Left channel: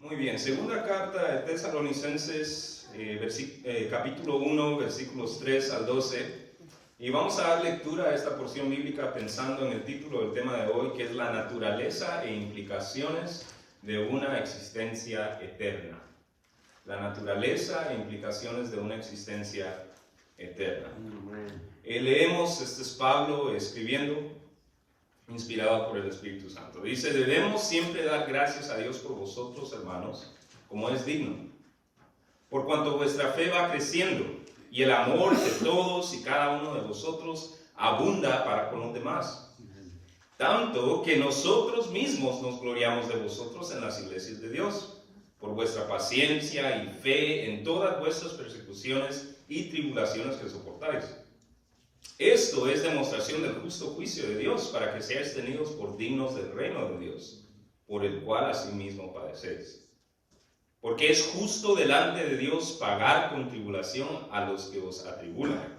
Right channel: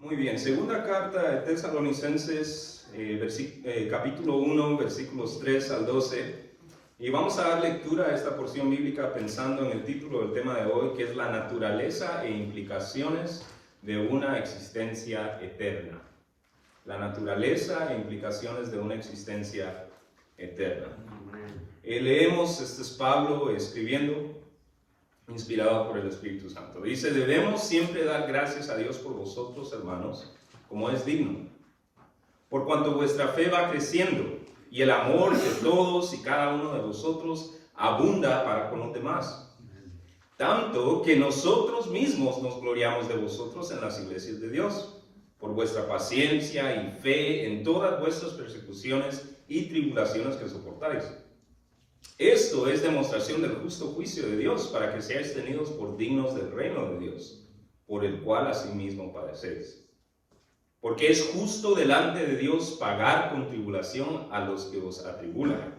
Muy bien, segunda carta de Tesalonicenses, capítulo 1, versículos 3 al 12. Y vamos a dar lectura a esta porción bíblica pensando en el título del tema de hoy, que es la naturaleza e implicaciones de una existencia eterna. La naturaleza e implicaciones de una existencia eterna. Leemos, este es Pablo escribiendo, inspirado por el Espíritu Santo. Dice: debemos siempre dar gracias a Dios por vosotros, hermanos, como es digno, por cuanto vuestra fe va creciendo y el amor de todos y cada uno de vosotros abunda para con los demás. Tanto que nosotros mismos nos gloriamos de vosotros en las iglesias de Dios, por vuestra paciencia y fe en todas vuestras persecuciones y tribulaciones que soportáis. Esto es demostración del justo juicio de Dios, para que seáis tenidos por dignos del reino de Dios, por el cual asimismo padecéis. Porque es justo delante de Dios pagar con tribulación a los que os atribulan.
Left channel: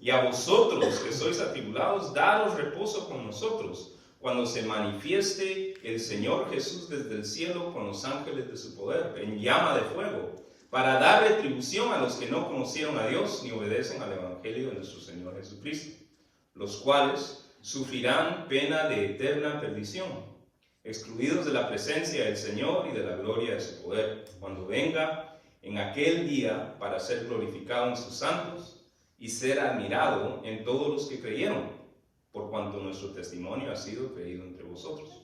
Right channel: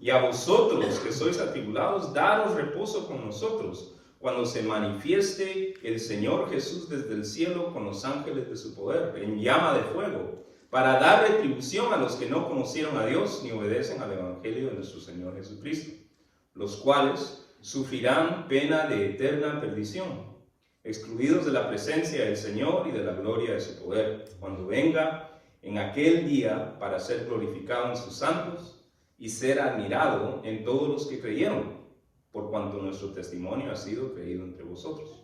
Y a vosotros que sois atribulados, daros reposo con nosotros, cuando se manifieste el Señor Jesús desde el cielo con los ángeles de su poder, en llama de fuego, para dar retribución a los que no conocieron a Dios ni obedecen al Evangelio de nuestro Señor Jesucristo, los cuales sufrirán pena de eterna perdición, excluidos de la presencia del Señor y de la gloria de su poder, cuando venga en aquel día para ser glorificado en sus santos y ser admirado en todos los que creyeron, por cuanto nuestro testimonio ha sido creído entre vosotros.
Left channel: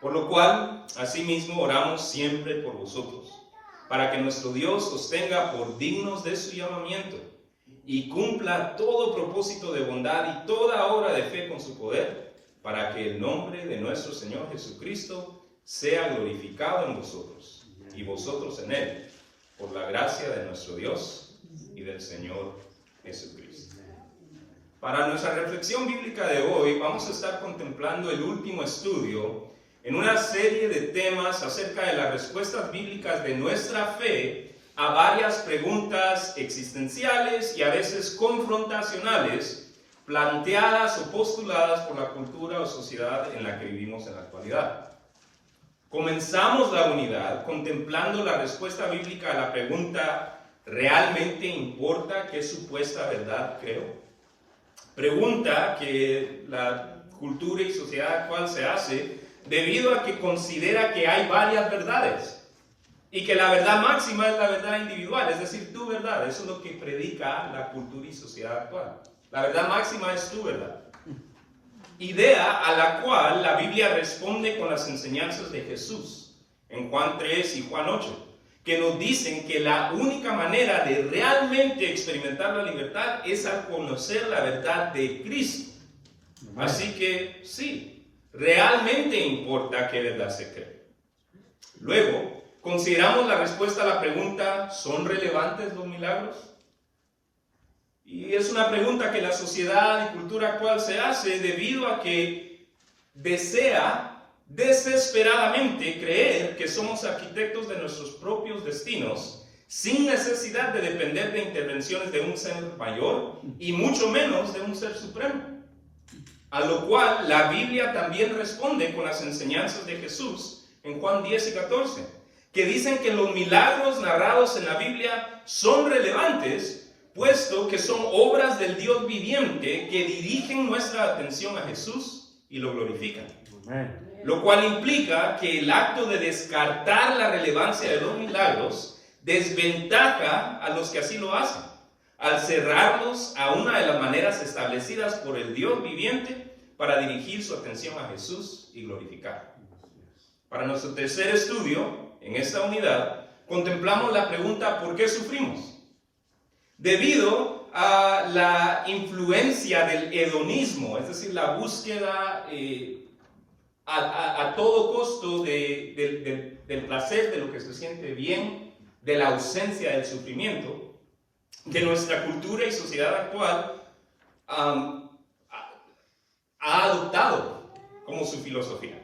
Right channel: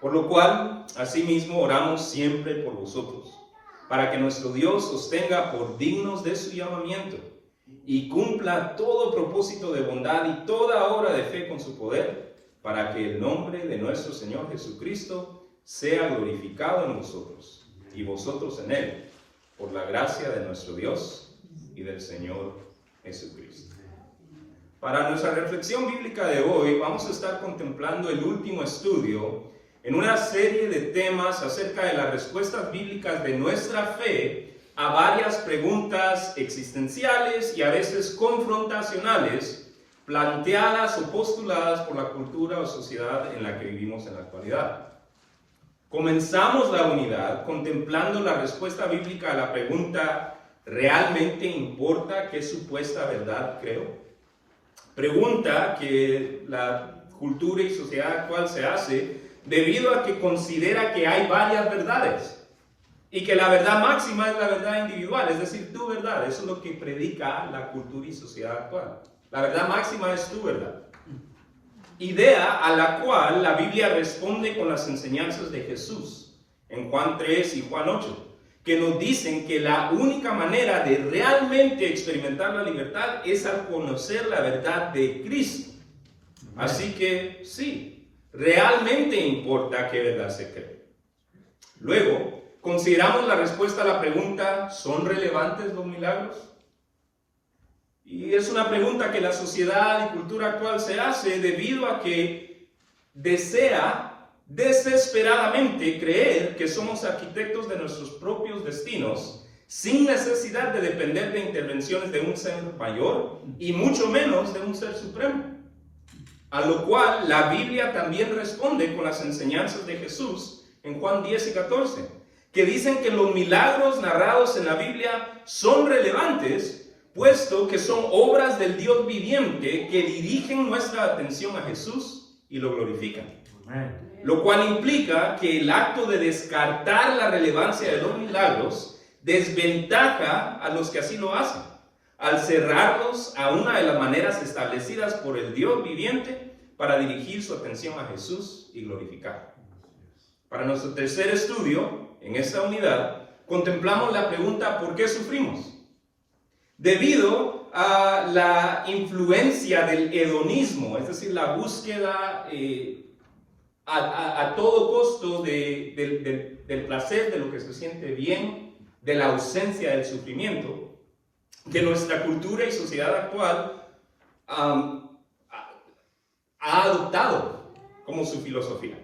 Por lo cual, asimismo, oramos siempre por vosotros, para que nuestro Dios os tenga por dignos de su llamamiento y cumpla todo propósito de bondad y toda obra de fe con su poder, para que el nombre de nuestro Señor Jesucristo sea glorificado en vosotros y vosotros en él, por la gracia de nuestro Dios y del Señor Jesucristo. Para nuestra reflexión bíblica de hoy vamos a estar contemplando el último estudio en una serie de temas acerca de las respuestas bíblicas de nuestra fe a varias preguntas existenciales y a veces confrontacionales planteadas o postuladas por la cultura o sociedad en la que vivimos en la actualidad. Comenzamos la unidad contemplando la respuesta bíblica a la pregunta: ¿realmente importa qué supuesta verdad creo? Pregunta que la cultura y sociedad actual se hace debido a que considera que hay varias verdades y que la verdad máxima es la verdad individual, es decir, tu verdad. Eso es lo que predica la cultura y sociedad actual. La verdad máxima es tu verdad. Idea a la cual la Biblia responde con las enseñanzas de Jesús en Juan 3 y Juan 8, que nos dicen que la única manera de realmente experimentar la libertad es al conocer la verdad de Cristo. Así que sí, realmente importa qué verdad se cree. Luego, consideramos la respuesta a la pregunta: ¿son relevantes los milagros? Y es una pregunta que la sociedad y cultura actual se hace debido a que desea desesperadamente creer que somos arquitectos de nuestros propios destinos sin necesidad de depender de intervenciones de un ser mayor y mucho menos de un ser supremo. A lo cual la Biblia también responde con las enseñanzas de Jesús en Juan 10 y 14, que dicen que los milagros narrados en la Biblia son relevantes, puesto que son obras del Dios viviente que dirigen nuestra atención a Jesús y lo glorifican. Lo cual implica que el acto de descartar la relevancia de los milagros desventaja a los que así lo hacen, al cerrarlos a una de las maneras establecidas por el Dios viviente para dirigir su atención a Jesús y glorificar. Para nuestro tercer estudio, en esta unidad, contemplamos la pregunta: ¿por qué sufrimos? Debido a la influencia del hedonismo, es decir, la búsqueda a todo costo del placer, de lo que se siente bien, de la ausencia del sufrimiento, que nuestra cultura y sociedad actual ha adoptado como su filosofía.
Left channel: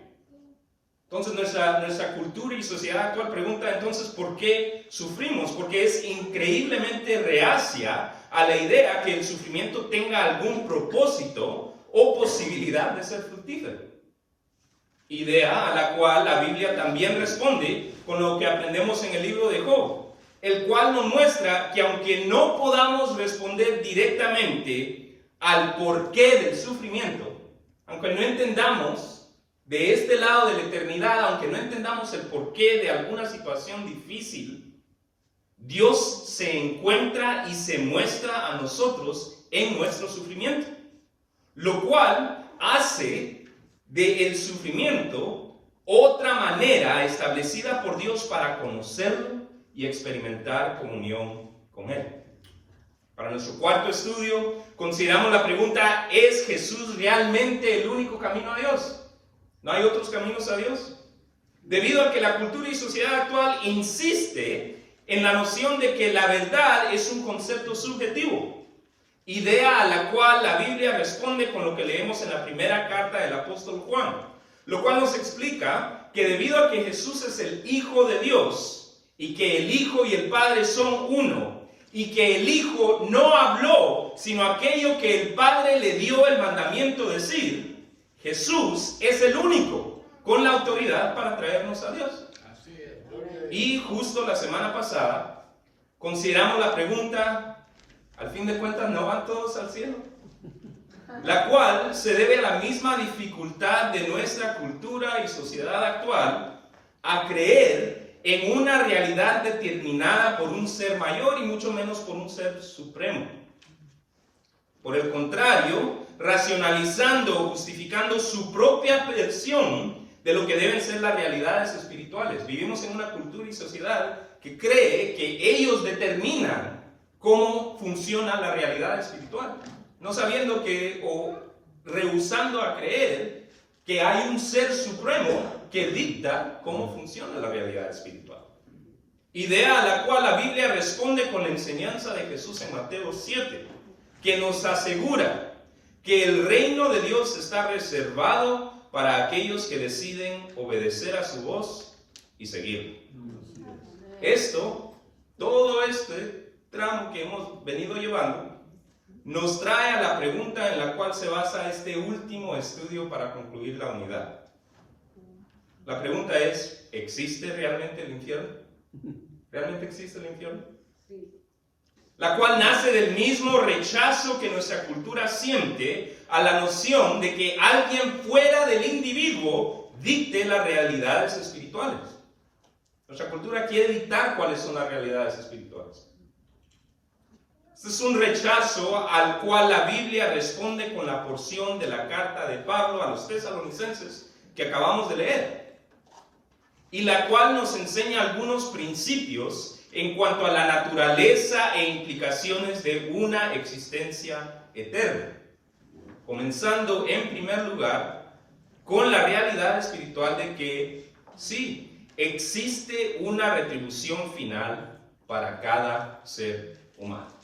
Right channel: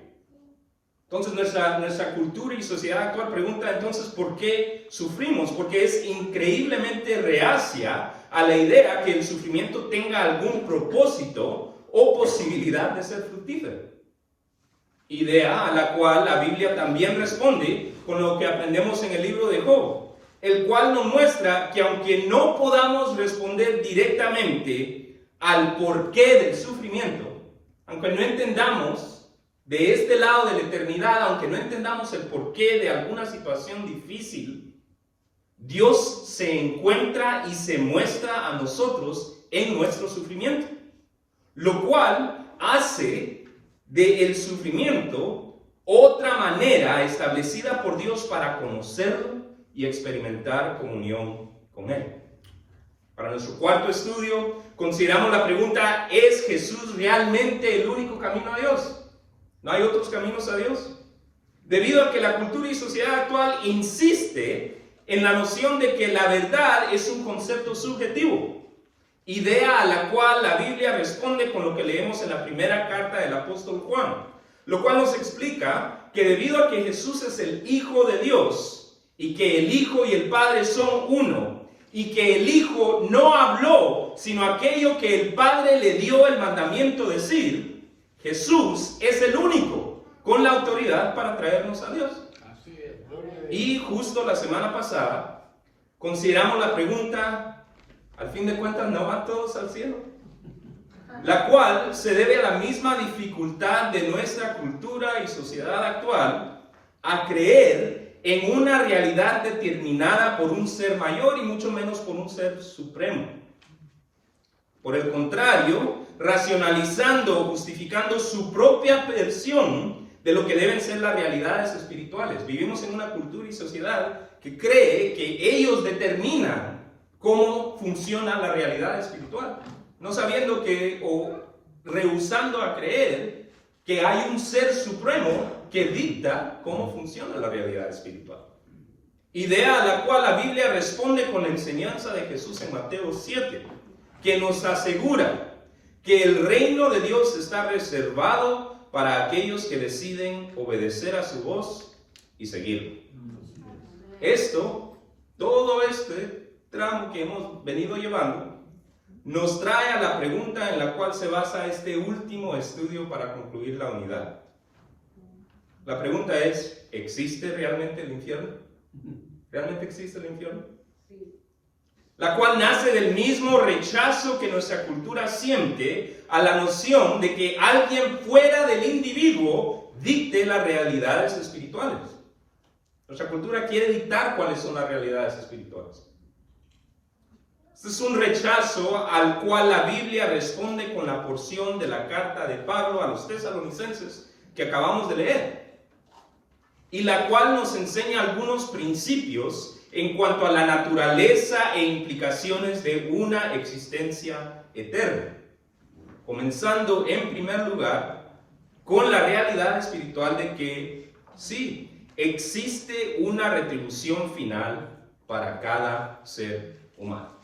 Entonces nuestra cultura y sociedad actual pregunta entonces ¿por qué sufrimos? Porque es increíblemente reacia a la idea que el sufrimiento tenga algún propósito o posibilidad de ser fructífero. Idea a la cual la Biblia también responde con lo que aprendemos en el libro de Job, el cual nos muestra que aunque no podamos responder directamente al porqué del sufrimiento, aunque no entendamos de este lado de la eternidad, aunque no entendamos el porqué de alguna situación difícil, Dios se encuentra y se muestra a nosotros en nuestro sufrimiento, lo cual hace del sufrimiento otra manera establecida por Dios para conocerlo y experimentar comunión con Él. Para nuestro cuarto estudio, consideramos la pregunta: ¿es Jesús realmente el único camino a Dios? ¿No hay otros caminos a Dios? Debido a que la cultura y sociedad actual insiste en la noción de que la verdad es un concepto subjetivo, idea a la cual la Biblia responde con lo que leemos en la primera carta del apóstol Juan, lo cual nos explica que debido a que Jesús es el Hijo de Dios y que el Hijo y el Padre son uno, y que el Hijo no habló sino aquello que el Padre le dio el mandamiento decir, Jesús es el único con la autoridad para traernos a Dios. Y justo la semana pasada consideramos la pregunta: al fin de cuentas, ¿no van todos al cielo? La cual se debe a la misma dificultad de nuestra cultura y sociedad actual a creer en una realidad determinada por un ser mayor y mucho menos por un ser supremo. Por el contrario, racionalizando o justificando su propia versión de lo que deben ser las realidades espirituales. Vivimos en una cultura y sociedad que cree que ellos determinan cómo funciona la realidad espiritual, no sabiendo que, o rehusando a creer que hay un ser supremo que dicta cómo funciona la realidad espiritual. Idea a la cual la Biblia responde con la enseñanza de Jesús en Mateo 7, que nos asegura que el reino de Dios está reservado para aquellos que deciden obedecer a su voz y seguirlo. Todo este tramo que hemos venido llevando, nos trae a la pregunta en la cual se basa este último estudio para concluir la unidad. La pregunta es: ¿existe realmente el infierno? ¿Realmente existe el infierno? Sí. La cual nace del mismo rechazo que nuestra cultura siente a la noción de que alguien fuera del individuo dicte las realidades espirituales. Nuestra cultura quiere dictar cuáles son las realidades espirituales. Este es un rechazo al cual la Biblia responde con la porción de la carta de Pablo a los tesalonicenses que acabamos de leer, y la cual nos enseña algunos principios en cuanto a la naturaleza e implicaciones de una existencia eterna, comenzando en primer lugar con la realidad espiritual de que sí, existe una retribución final para cada ser humano.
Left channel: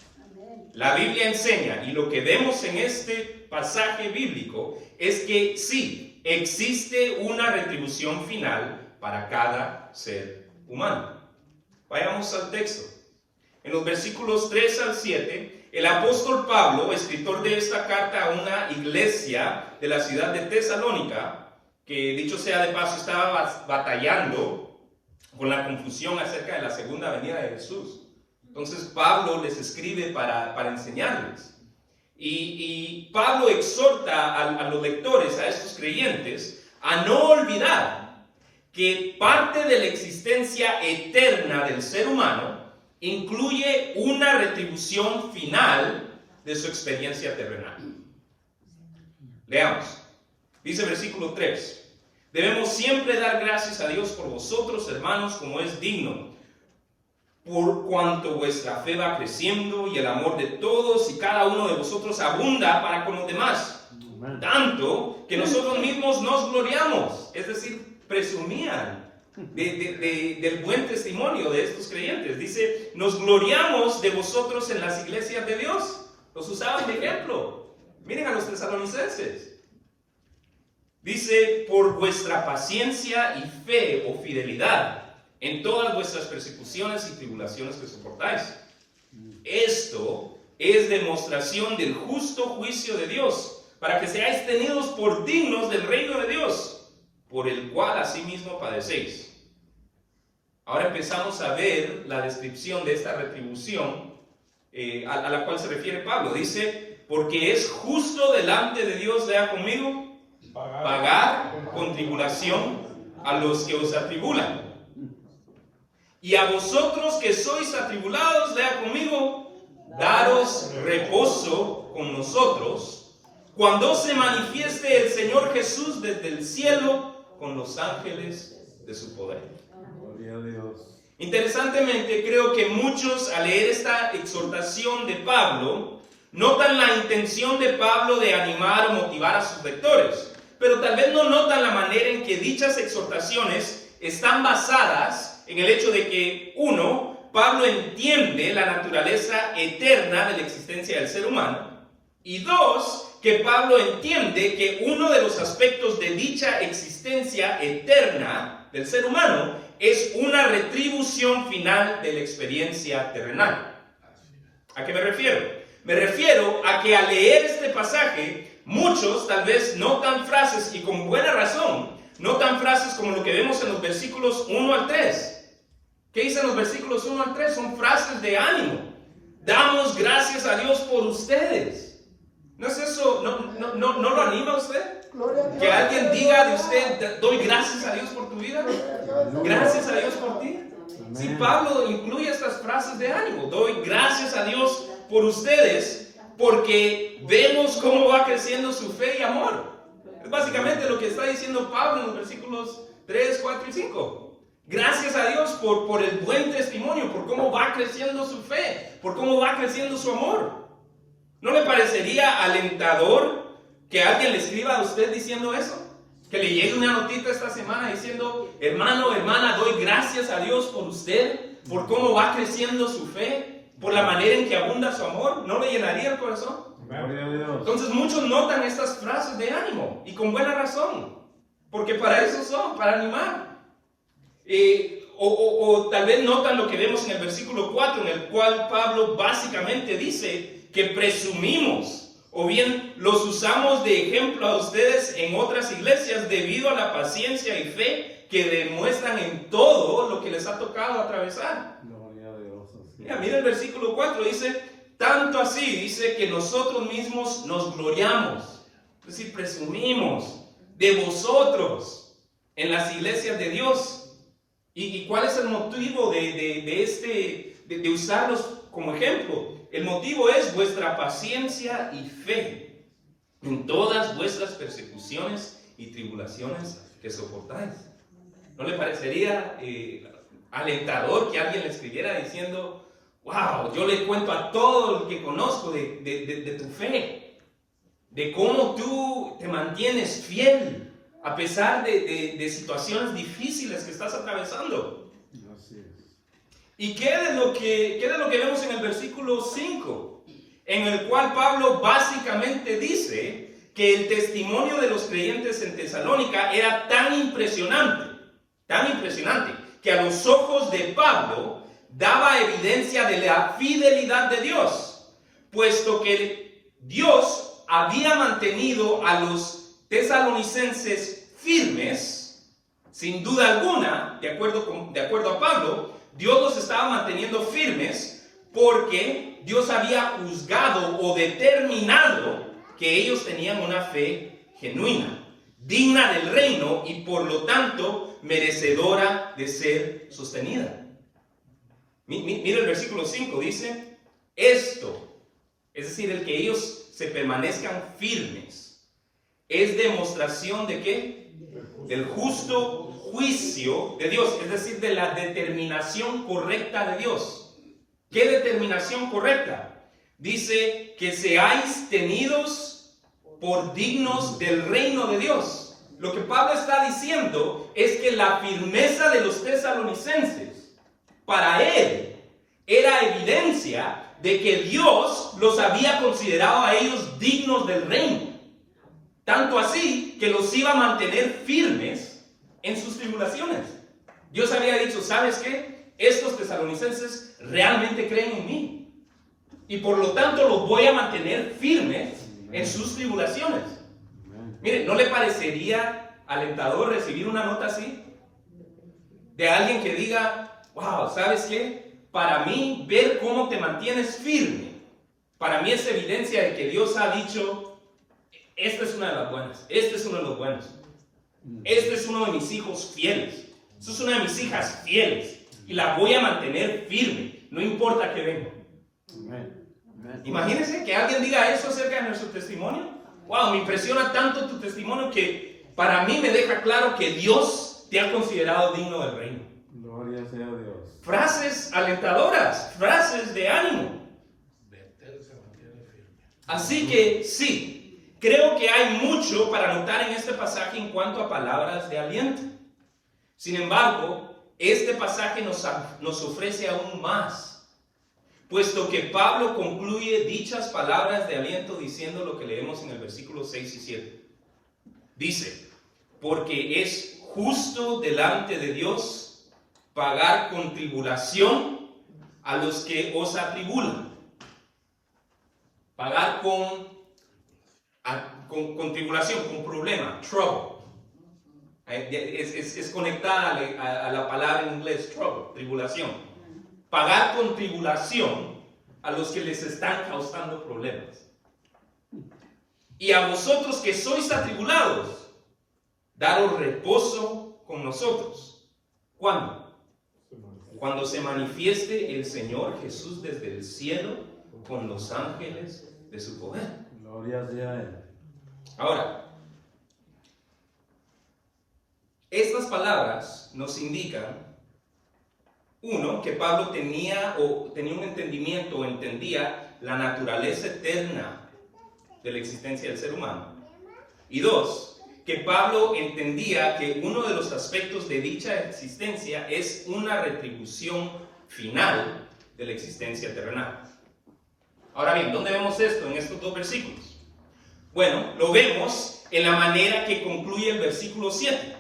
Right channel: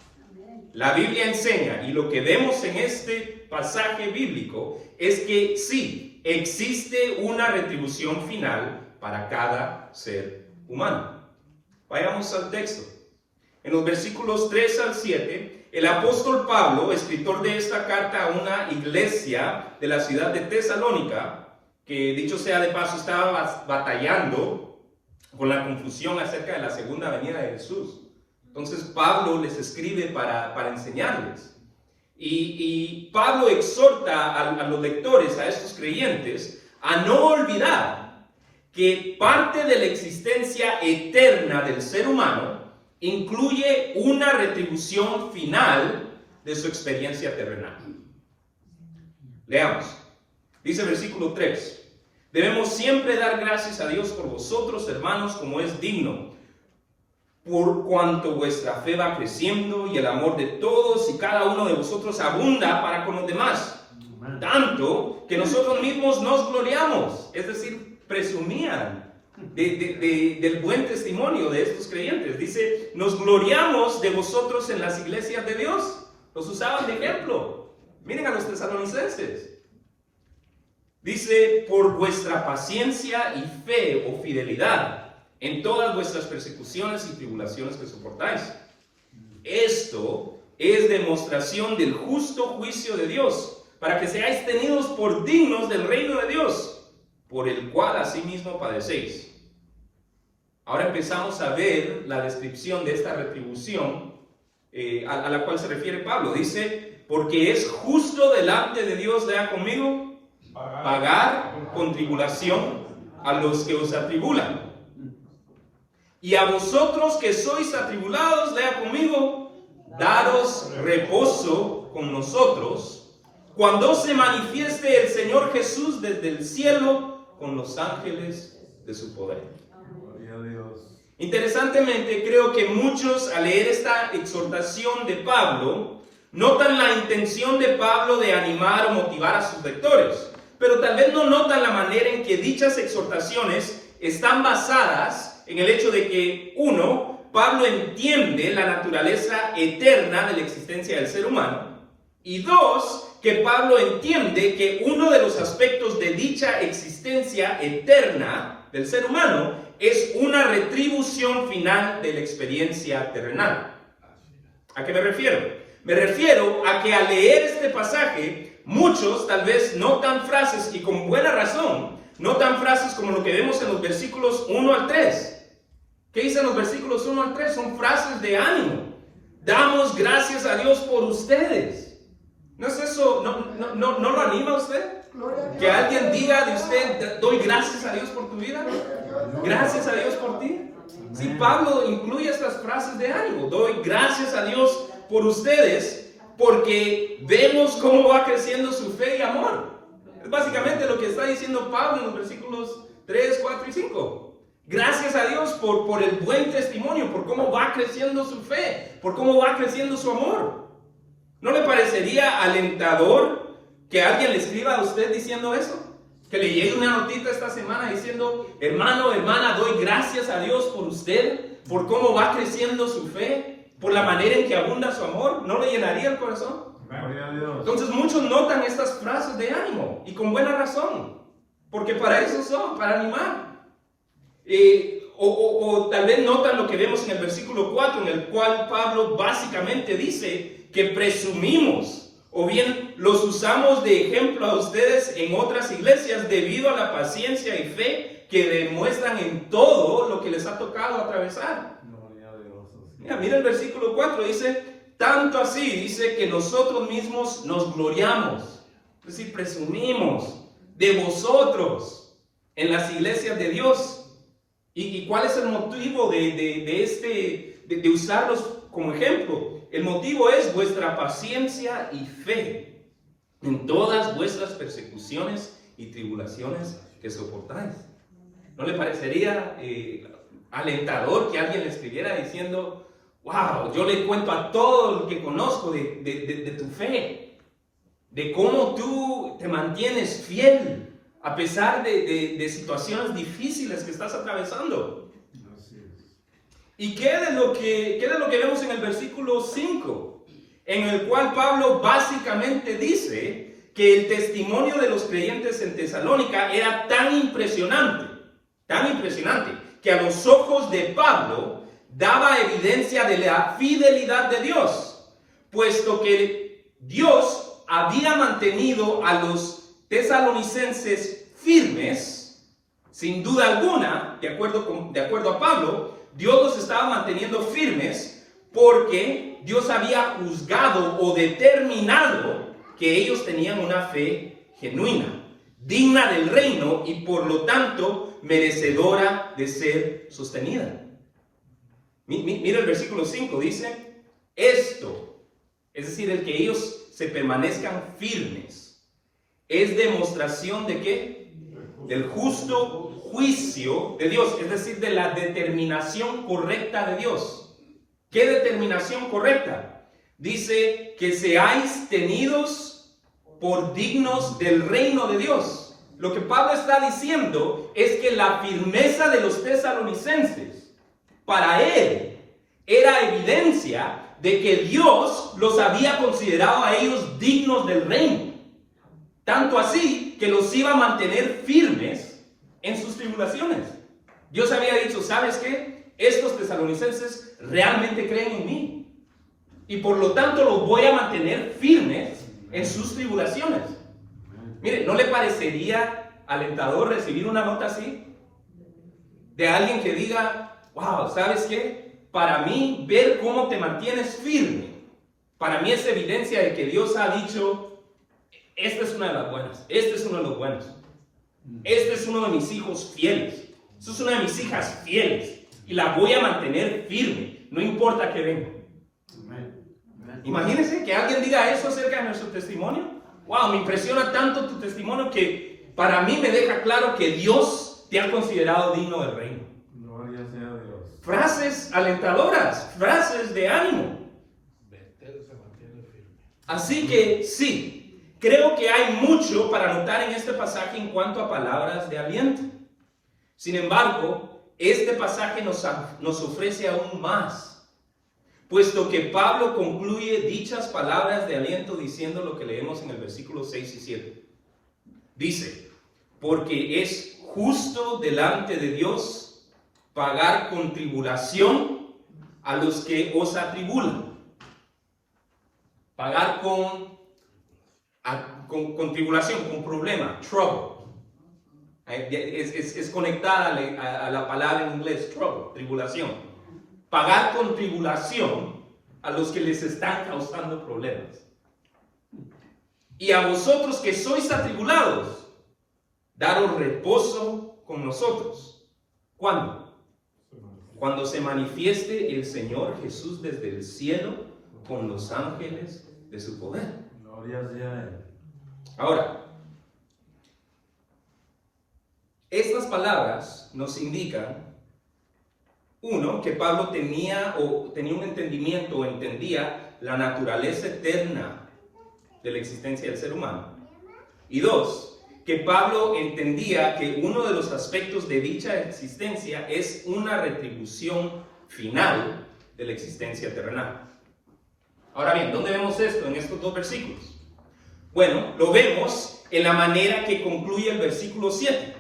La Biblia enseña, y lo que vemos en este pasaje bíblico es que sí, existe una retribución final para cada ser humano. Vayamos al texto. En los versículos 3 al 7, el apóstol Pablo, escritor de esta carta a una iglesia de la ciudad de Tesalónica, que dicho sea de paso estaba batallando con la confusión acerca de la segunda venida de Jesús. Entonces Pablo les escribe para enseñarles. Y Pablo exhorta a los lectores, a estos creyentes, a no olvidar que parte de la existencia eterna del ser humano incluye una retribución final de su experiencia terrenal. Leamos. Dice versículo 3. Debemos siempre dar gracias a Dios por vosotros, hermanos, como es digno, por cuanto vuestra fe va creciendo y el amor de todos y cada uno de vosotros abunda para con los demás. Tanto que nosotros mismos nos gloriamos, es decir, presumían del buen testimonio de estos creyentes. Dice, nos gloriamos de vosotros en las iglesias de Dios. Los usaban de ejemplo. Miren a los tesalonicenses. Dice, por vuestra paciencia y fe o fidelidad en todas vuestras persecuciones y tribulaciones que soportáis. Esto es demostración del justo juicio de Dios, para que seáis tenidos por dignos del reino de Dios, por el cual asimismo padecéis. Ahora empezamos a ver la descripción de esta retribución a la cual se refiere Pablo. Dice, porque es justo delante de Dios, lea conmigo, pagar con tribulación a los que os atribulan. Y a vosotros que sois atribulados, lea conmigo, daros reposo con nosotros, cuando se manifieste el Señor Jesús desde el cielo con los ángeles de su poder. Gloria a Dios. Interesantemente, creo que muchos al leer esta exhortación de Pablo, notan la intención de Pablo de animar o motivar a sus lectores, pero tal vez no notan la manera en que dichas exhortaciones están basadas en el hecho de que, uno, Pablo entiende la naturaleza eterna de la existencia del ser humano, y dos, que Pablo entiende que uno de los aspectos de dicha existencia eterna del ser humano es una retribución final de la experiencia terrenal. ¿A qué me refiero? Me refiero a que al leer este pasaje, muchos tal vez notan frases, y con buena razón, notan frases como lo que vemos en los versículos 1 al 3. ¿Qué dicen los versículos 1 al 3? Son frases de ánimo. Damos gracias a Dios por ustedes. ¿No es eso? ¿No lo anima a usted? Que alguien diga de usted, doy gracias a Dios por tu vida. Gracias a Dios por ti. Sí, Pablo incluye estas frases de ánimo. Doy gracias a Dios por ustedes porque vemos cómo va creciendo su fe y amor. Es básicamente lo que está diciendo Pablo en los versículos 3, 4 y 5. Gracias a Dios por el buen testimonio, por cómo va creciendo su fe, por cómo va creciendo su amor. ¿No le parecería alentador que alguien le escriba a usted diciendo eso? Que le llegue una notita esta semana diciendo, hermano, hermana, doy gracias a Dios por usted, por cómo va creciendo su fe, por la manera en que abunda su amor. ¿No le llenaría el corazón? Entonces muchos notan estas frases de ánimo, y con buena razón, porque para eso son, para animar. O tal vez notan lo que vemos en el versículo 4, en el cual Pablo básicamente dice que presumimos, o bien los usamos de ejemplo a ustedes en otras iglesias debido a la paciencia y fe que demuestran en todo lo que les ha tocado atravesar. Mira el versículo 4, dice, tanto así, dice que nosotros mismos nos gloriamos, es decir, presumimos de vosotros en las iglesias de Dios. ¿Y cuál es el motivo de usarlos como ejemplo? El motivo es vuestra paciencia y fe en todas vuestras persecuciones y tribulaciones que soportáis. ¿No le parecería alentador que alguien le escribiera diciendo, wow, yo le cuento a todo lo que conozco de tu fe, de cómo tú te mantienes fiel a pesar de situaciones difíciles que estás atravesando? ¿Y qué de lo que vemos en el versículo 5? En el cual Pablo básicamente dice que el testimonio de los creyentes en Tesalónica era tan impresionante, que a los ojos de Pablo daba evidencia de la fidelidad de Dios, puesto que Dios había mantenido a los tesalonicenses firmes, sin duda alguna, de acuerdo a Pablo, Dios los estaba manteniendo firmes porque Dios había juzgado o determinado que ellos tenían una fe genuina, digna del reino y por lo tanto merecedora de ser sostenida. Mira el versículo 5, dice, esto, es decir, el que ellos se permanezcan firmes, es demostración de ¿qué? Del justo juicio de Dios, es decir, de la determinación correcta de Dios. ¿Qué determinación correcta? Dice que seáis tenidos por dignos del reino de Dios. Lo que Pablo está diciendo es que la firmeza de los tesalonicenses, para él, era evidencia de que Dios los había considerado a ellos dignos del reino. Tanto así que los iba a mantener firmes en sus tribulaciones. Dios había dicho, ¿sabes qué? Estos tesalonicenses realmente creen en mí. Y por lo tanto los voy a mantener firmes en sus tribulaciones. Mire, ¿no le parecería alentador recibir una nota así? De alguien que diga, wow, ¿sabes qué? Para mí, ver cómo te mantienes firme, para mí es evidencia de que Dios ha dicho, esta es una de las buenas, este es uno de los buenos, este es uno de mis hijos fieles, esta es una de mis hijas fieles, y la voy a mantener firme, no importa que venga. Imagínense que alguien diga eso acerca de nuestro testimonio. Wow, me impresiona tanto tu testimonio que para mí me deja claro que Dios te ha considerado digno del reino. Gloria sea a Dios. Frases alentadoras, frases de ánimo. Así que sí, creo que hay mucho para notar en este pasaje en cuanto a palabras de aliento. Sin embargo, este pasaje nos ofrece aún más, puesto que Pablo concluye dichas palabras de aliento diciendo lo que leemos en el versículo 6 y 7. Dice, porque es justo delante de Dios pagar con tribulación a los que os atribulan. Pagar con tribulación, con problema, trouble. Es conectada a la palabra en inglés, trouble, tribulación. Pagar con tribulación a los que les están causando problemas. Y a vosotros que sois atribulados, daros reposo con nosotros. ¿Cuándo? Cuando se manifieste el Señor Jesús desde el cielo con los ángeles de su poder. Gloria sea a Él. Ahora, estas palabras nos indican, uno, que Pablo tenía un entendimiento o entendía la naturaleza eterna de la existencia del ser humano. Y dos, que Pablo entendía que uno de los aspectos de dicha existencia es una retribución final de la existencia terrenal. Ahora bien, ¿dónde vemos esto en estos dos versículos? Bueno, lo vemos en la manera que concluye el versículo 7,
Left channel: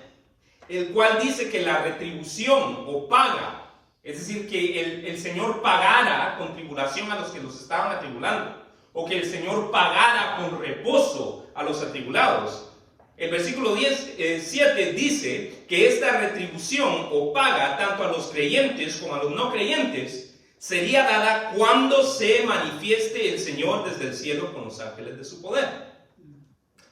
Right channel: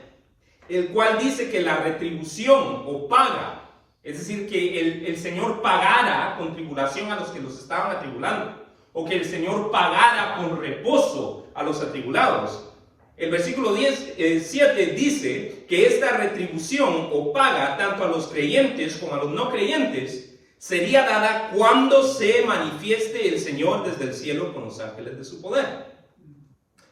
el cual dice que la retribución o paga, es decir, que el Señor pagara con tribulación a los que los estaban atribulando, o que el Señor pagara con reposo a los atribulados. El versículo 7 dice que esta retribución o paga tanto a los creyentes como a los no creyentes sería dada cuando se manifieste el Señor desde el cielo con los ángeles de su poder.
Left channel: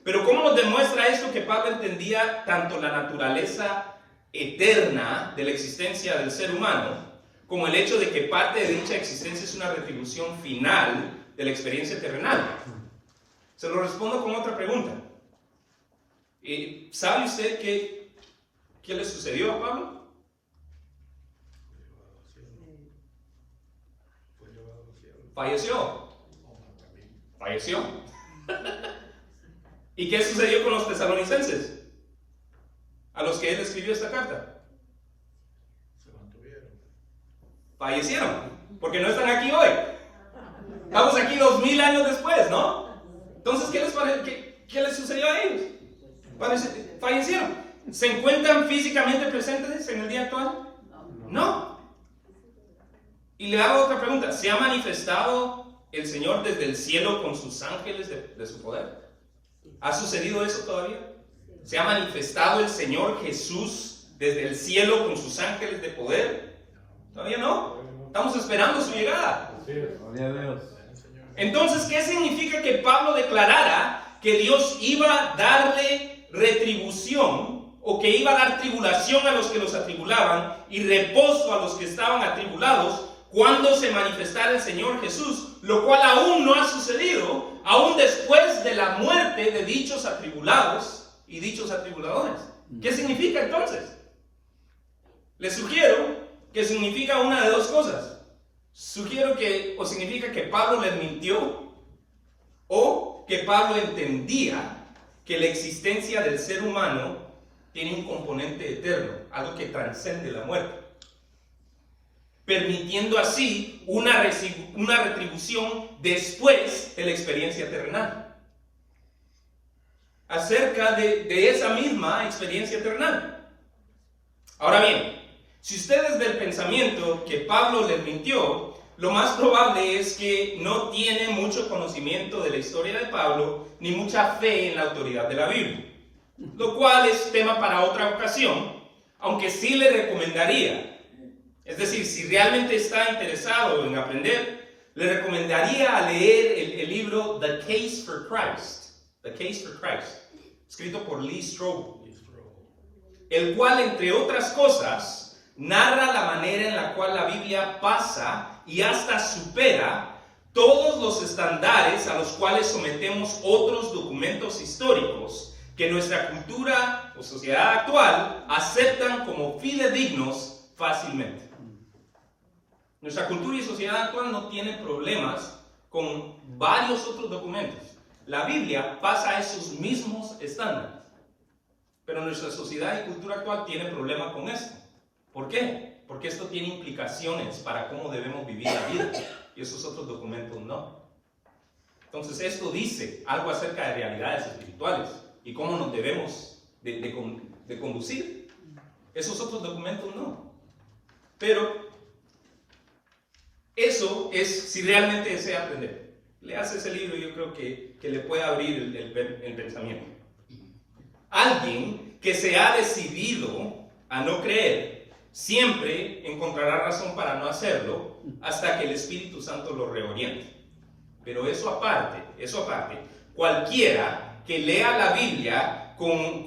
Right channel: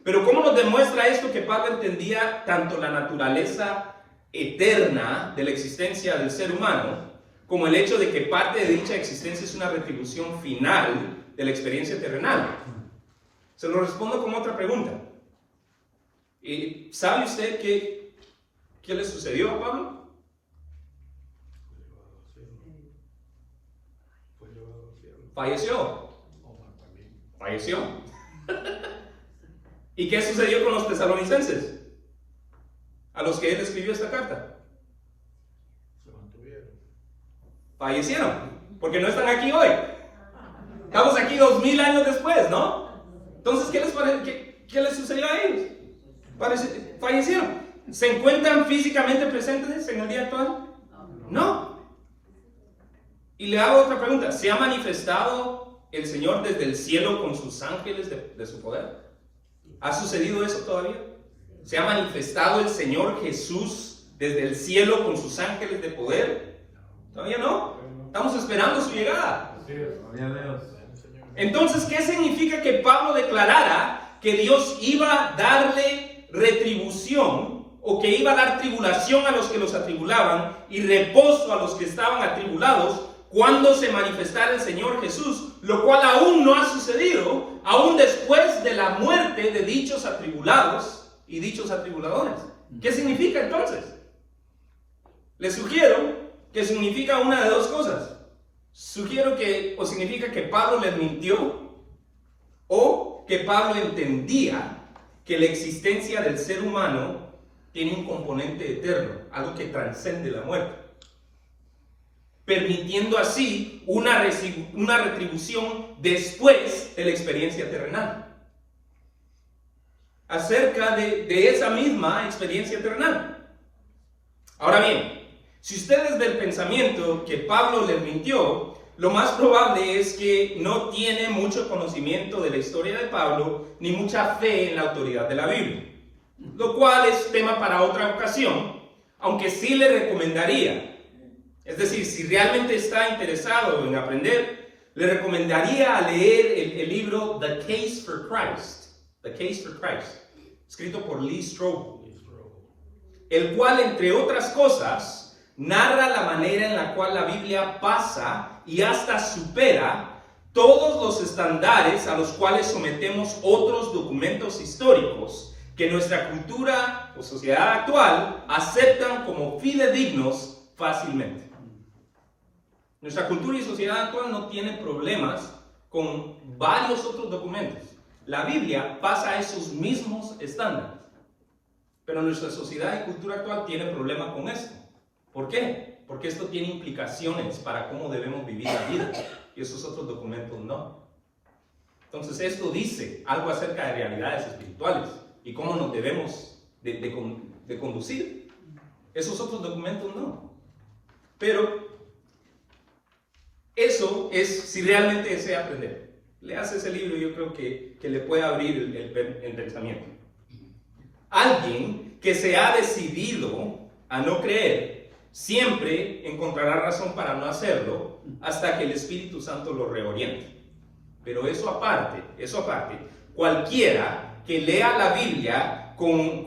Pero ¿cómo nos demuestra esto que Pablo entendía tanto la naturaleza eterna de la existencia del ser humano, como el hecho de que parte de dicha existencia es una retribución final de la experiencia terrenal? Se lo respondo con otra pregunta. ¿Sabe usted qué le sucedió a Pablo? Falleció. ¿Y qué sucedió con los tesalonicenses, a los que él escribió esta carta? Fallecieron, porque no están aquí hoy. Estamos aquí 2000 años después, ¿no? Entonces, ¿qué les sucedió a ellos? Fallecieron. ¿Se encuentran físicamente presentes en el día actual? No. Y le hago otra pregunta. ¿Se ha manifestado el Señor desde el cielo con sus ángeles de su poder? ¿Ha sucedido eso todavía? ¿Se ha manifestado el Señor Jesús desde el cielo con sus ángeles de poder? Todavía no. Estamos esperando su llegada. Entonces, ¿qué significa que Pablo declarara que Dios iba a darle retribución, o que iba a dar tribulación a los que los atribulaban y reposo a los que estaban atribulados cuando se manifestara el Señor Jesús, lo cual aún no ha sucedido, aún después de la muerte de dichos atribulados y dichos atribuladores? ¿Qué significa entonces? Les sugiero que significa una de dos cosas. Sugiero que o significa que Pablo les mintió, o que Pablo entendía que la existencia del ser humano tiene un componente eterno, algo que trasciende la muerte, permitiendo así una retribución después de la experiencia terrenal. Acerca de esa misma experiencia terrenal. Ahora bien, si usted es del pensamiento que Pablo les mintió, lo más probable es que no tiene mucho conocimiento de la historia de Pablo, ni mucha fe en la autoridad de la Biblia, lo cual es tema para otra ocasión, aunque sí le recomendaría Es decir, si realmente está interesado en aprender, le recomendaría leer el libro The Case for Christ, escrito por Lee Strobel, el cual, entre otras cosas, narra la manera en la cual la Biblia pasa y hasta supera todos los estándares a los cuales sometemos otros documentos históricos que nuestra cultura o sociedad actual aceptan como fidedignos fácilmente. Nuestra cultura y sociedad actual no tiene problemas con varios otros documentos. La Biblia pasa a esos mismos estándares. Pero nuestra sociedad y cultura actual tiene problemas con esto. ¿Por qué? Porque esto tiene implicaciones para cómo debemos vivir la vida. Y esos otros documentos no. Entonces esto dice algo acerca de realidades espirituales y cómo nos debemos de conducir. Esos otros documentos no. Pero eso es si realmente desea aprender. Leas ese libro y yo creo que le puede abrir el pensamiento. Alguien que se ha decidido a no creer siempre encontrará razón para no hacerlo hasta que el Espíritu Santo lo reoriente. Pero eso aparte, cualquiera que lea la Biblia con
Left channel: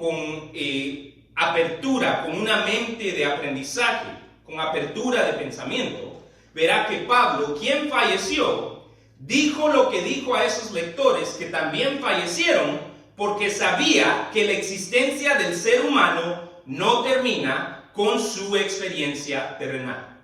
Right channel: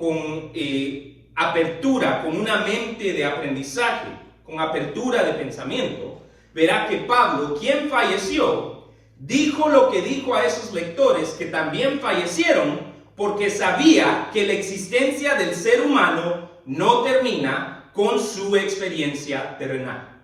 apertura, con una mente de aprendizaje, con apertura de pensamiento, verá que Pablo, quien falleció, dijo lo que dijo a esos lectores que también fallecieron, porque sabía que la existencia del ser humano no termina con su experiencia terrenal.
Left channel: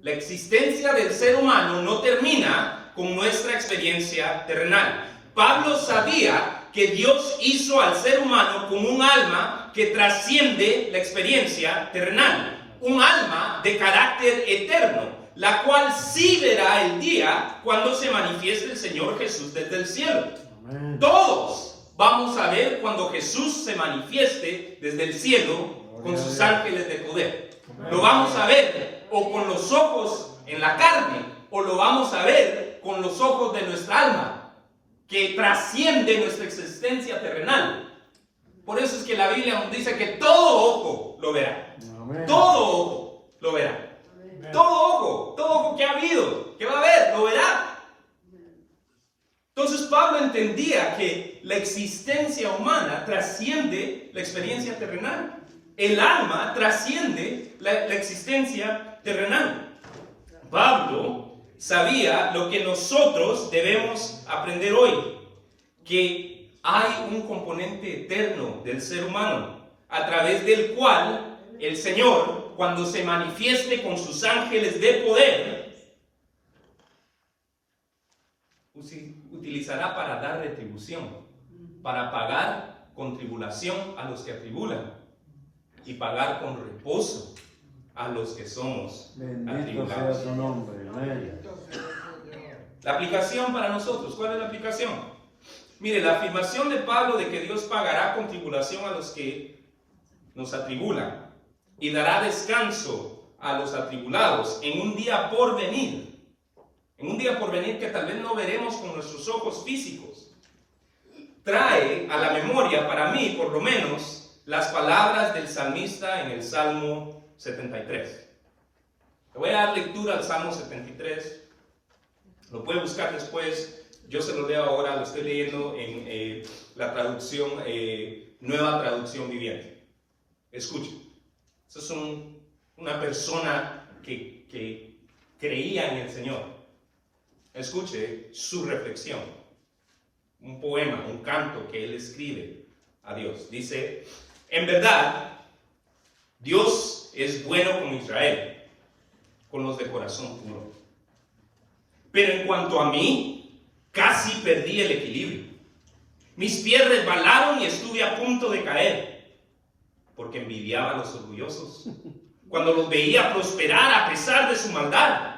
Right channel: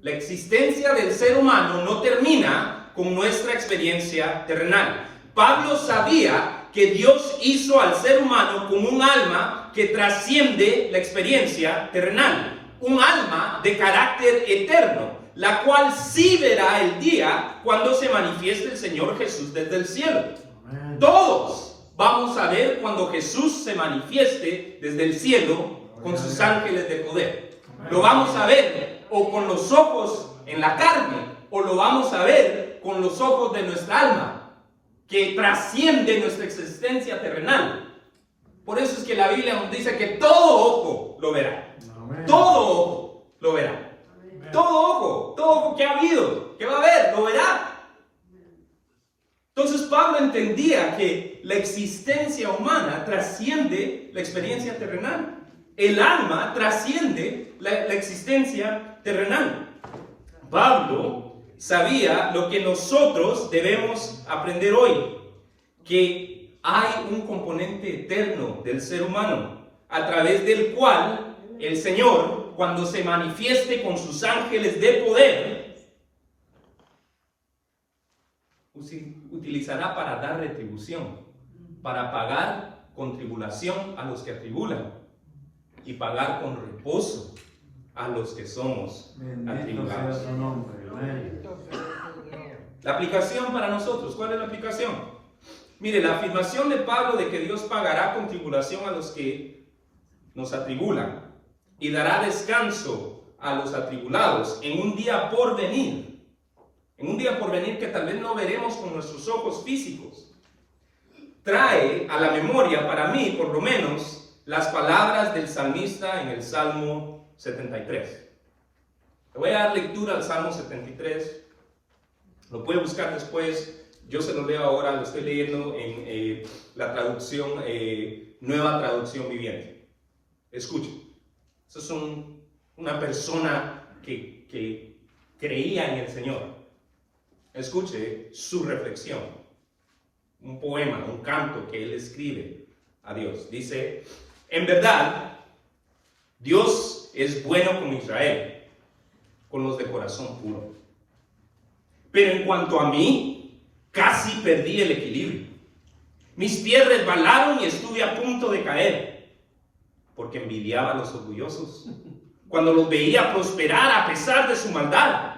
La existencia del ser humano no termina con nuestra experiencia terrenal. Pablo sabía que Dios hizo al ser humano como un alma que trasciende la experiencia terrenal, un alma de carácter eterno, la cual sí verá el día cuando se manifieste el Señor Jesús desde el cielo. Amén. Todos vamos a ver cuando Jesús se manifieste desde el cielo con sus ángeles de poder. Amén. Lo vamos a ver o con los ojos en la carne, o lo vamos a ver con los ojos de nuestra alma, que trasciende nuestra existencia terrenal. Por eso es que la Biblia nos dice que todo ojo lo verá. Amén. Todo ojo lo verá. Todo ojo que ha habido, que va a haber, lo verá. Entonces Pablo entendía que la existencia humana trasciende la experiencia terrenal. El alma trasciende la existencia terrenal. Pablo sabía lo que nosotros debemos aprender hoy, que hay un componente eterno del ser humano, a través del cual el Señor, cuando se manifieste con sus ángeles de poder, utilizará para dar retribución, para pagar con tribulación a los que atribulan y pagar con reposo a los que somos atribulados. La aplicación para nosotros, ¿cuál es la aplicación? Mire, la afirmación de Pablo de que Dios pagará con tribulación a los que nos atribulan y dará descanso a los atribulados en un día por venir. En un día por venir que tal vez no veremos con nuestros ojos físicos. Trae a la memoria, para mí por lo menos, las palabras del salmista en el Salmo 73. Le voy a dar lectura al Salmo 73. Lo puede buscar después. Yo se lo leo ahora, lo estoy leyendo en la traducción, Nueva Traducción Viviente. Escuchen. Eso es una persona que creía en el Señor. Escuche su reflexión. Un poema, un canto que él escribe a Dios. Dice: en verdad, Dios es bueno con Israel, con los de corazón puro. Pero en cuanto a mí, casi perdí el equilibrio. Mis pies resbalaron y estuve a punto de caer, porque envidiaba a los orgullosos cuando los veía prosperar a pesar de su maldad.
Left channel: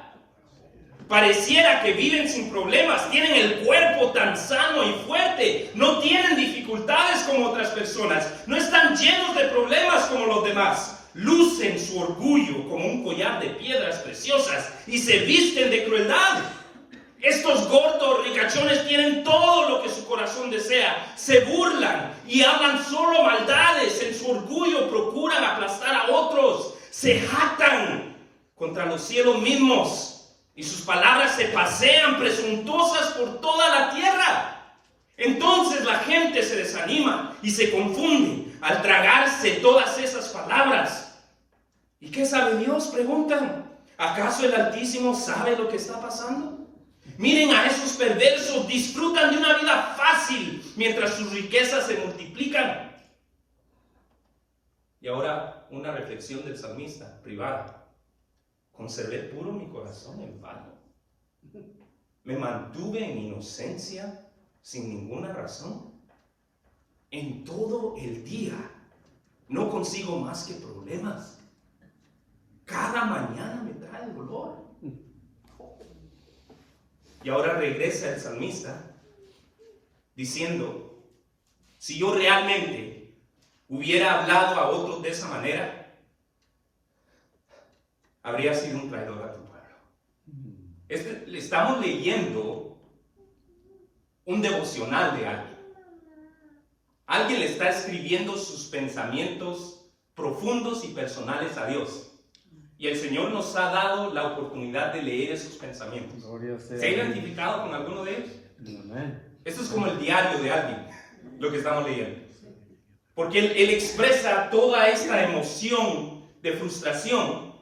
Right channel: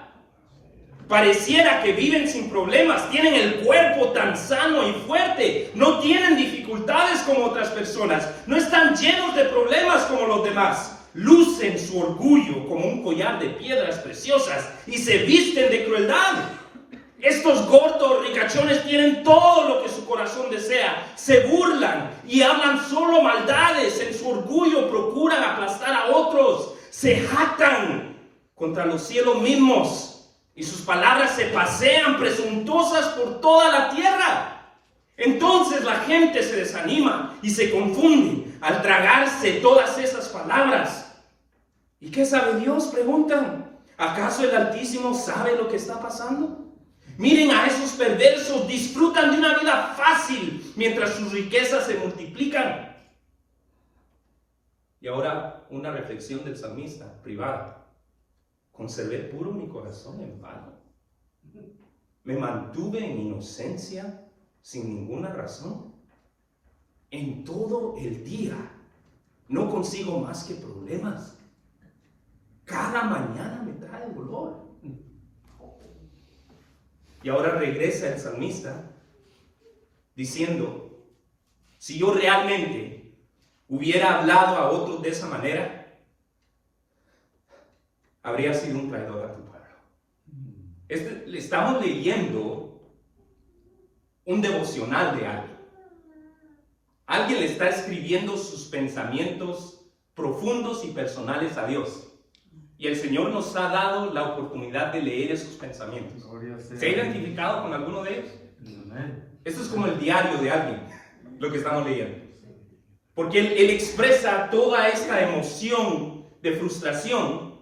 Pareciera que viven sin problemas, tienen el cuerpo tan sano y fuerte, no tienen dificultades como otras personas, no están llenos de problemas como los demás. Lucen su orgullo como un collar de piedras preciosas y se visten de crueldad. Estos gordos ricachones tienen todo lo que su corazón desea, se burlan y hablan solo maldades, en su orgullo procuran aplastar a otros, se jactan contra los cielos mismos, y sus palabras se pasean presuntuosas por toda la tierra. Entonces la gente se desanima y se confunde al tragarse todas esas palabras. ¿Y qué sabe Dios?, preguntan. ¿Acaso el Altísimo sabe lo que está pasando? Miren a esos perversos, disfrutan de una vida fácil mientras sus riquezas se multiplican. Y ahora una reflexión del salmista privada. Conservé puro mi corazón en vano. Me mantuve en inocencia sin ninguna razón. En todo el día no consigo más que problemas. Cada mañana me trae dolor. Y ahora regresa el salmista diciendo, si yo realmente hubiera hablado a otros de esa manera, habría sido un traidor a tu pueblo. Le estamos leyendo un devocional de alguien. Alguien le está escribiendo sus pensamientos profundos y personales a Dios. Y el Señor nos ha dado la oportunidad de leer esos pensamientos. ¿Se ha identificado con alguno de ellos? Esto es como el diario de alguien, lo que estamos leyendo. Porque él expresa toda esta emoción de frustración,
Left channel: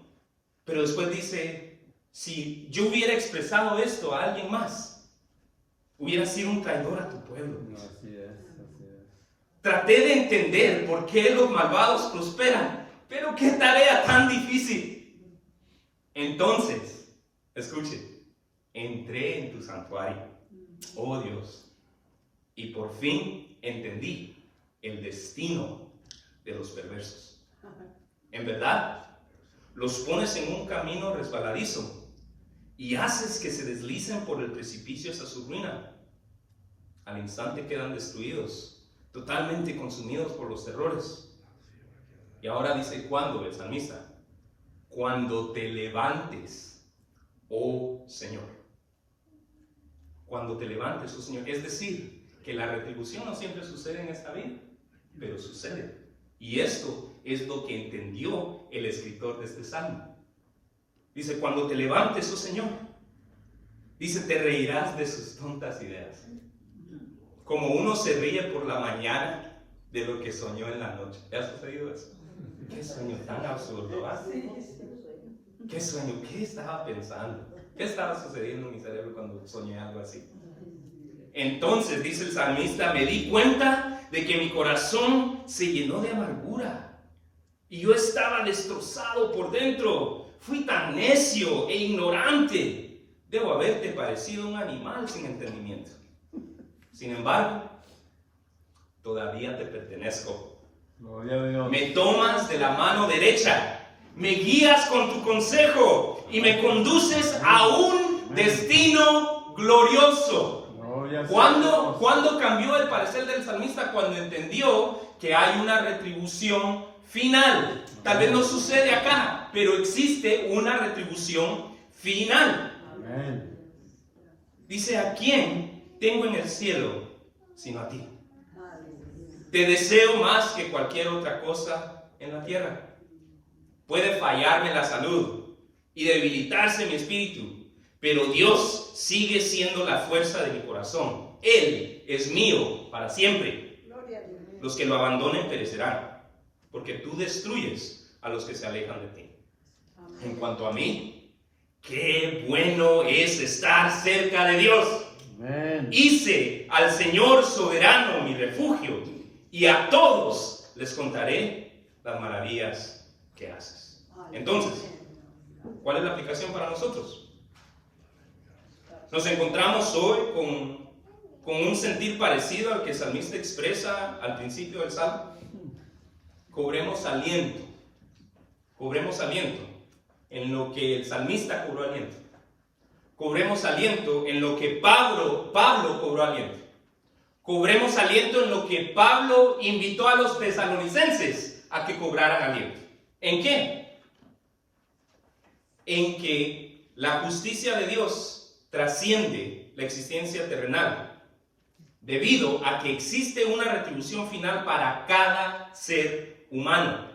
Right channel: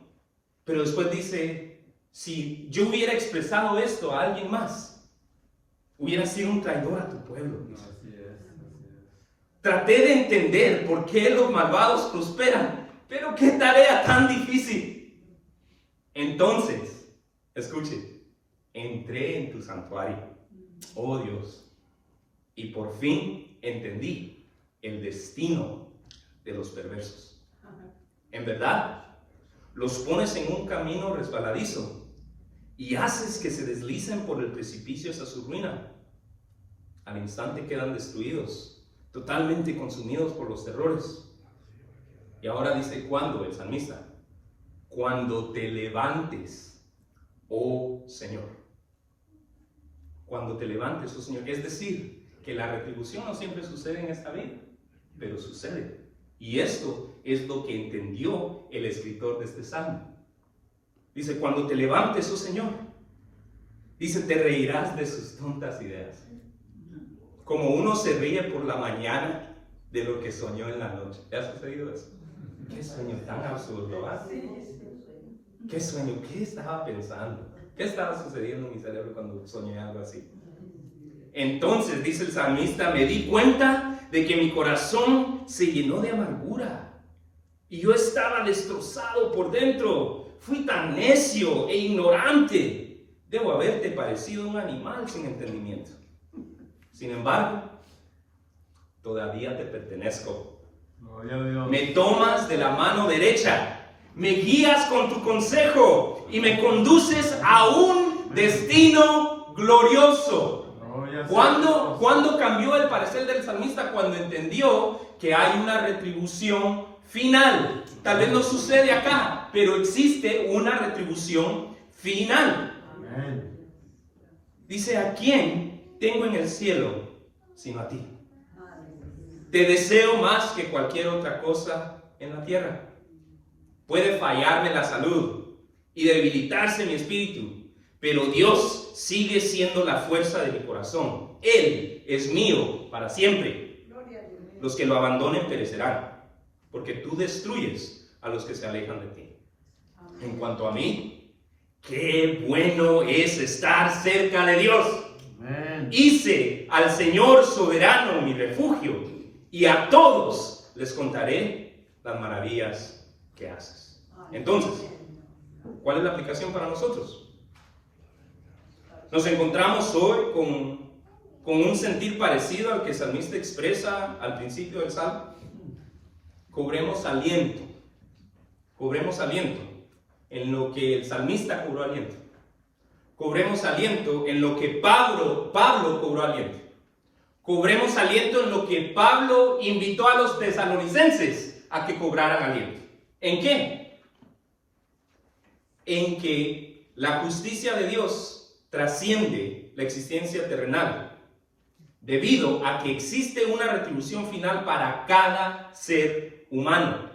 pero después dice, si yo hubiera expresado esto a alguien más, hubiera sido un traidor a tu pueblo. Así es. Traté de entender por qué los malvados prosperan, pero qué tarea tan difícil. Entonces, escuche, entré en tu santuario, oh Dios, y por fin entendí el destino de los perversos. En verdad, los pones en un camino resbaladizo y haces que se deslicen por el precipicio hasta su ruina. Al instante quedan destruidos, totalmente consumidos por los terrores. Y ahora dice, ¿cuándo? El salmista. Cuando te levantes, oh Señor. Cuando te levantes, oh Señor. Es decir, que la retribución no siempre sucede en esta vida, pero sucede. Y esto es lo que entendió el escritor de este salmo. Dice, cuando te levantes, oh Señor. Dice, te reirás de sus tontas ideas. Como uno se ríe por la mañana de lo que soñó en la noche. ¿Te ha sucedido eso? Qué sueño tan absurdo, ¿verdad? ¿Qué sueño? ¿Qué estaba pensando? ¿Qué estaba sucediendo en mi cerebro cuando soñé algo así? Entonces, dice el salmista, me di cuenta de que mi corazón se llenó de amargura y yo estaba destrozado por dentro. Fui tan necio e ignorante. Debo haberte parecido un animal sin entendimiento. Sin embargo, todavía te pertenezco. Me tomas de la mano derecha, me guías con tu consejo y me conduces a un destino glorioso. ¿Cuándo cambió el parecer del salmista? Cuando entendió que hay una retribución final. Tal vez no sucede acá, pero existe una retribución final. Dice, ¿a quién tengo en el cielo sino a ti? Te deseo más que cualquier otra cosa en la tierra. Puede fallarme la salud y debilitarse mi espíritu, pero Dios sigue siendo la fuerza de mi corazón. Él es mío para siempre. Los que lo abandonen perecerán, porque tú destruyes a los que se alejan de ti. En cuanto a mí, qué bueno es estar cerca de Dios. Hice al Señor soberano mi refugio, y a todos les contaré las maravillas que haces. Entonces, ¿cuál es la aplicación para nosotros? Nos encontramos hoy con un sentir parecido al que el salmista expresa al principio del salmo. Cobremos aliento en lo que el salmista cobró aliento. Cobremos aliento en lo que Pablo cobró aliento. Cobremos aliento en lo que Pablo invitó a los tesalonicenses a que cobraran aliento. ¿En qué? En que la justicia de Dios trasciende la existencia terrenal, debido a que existe una retribución final para cada ser humano.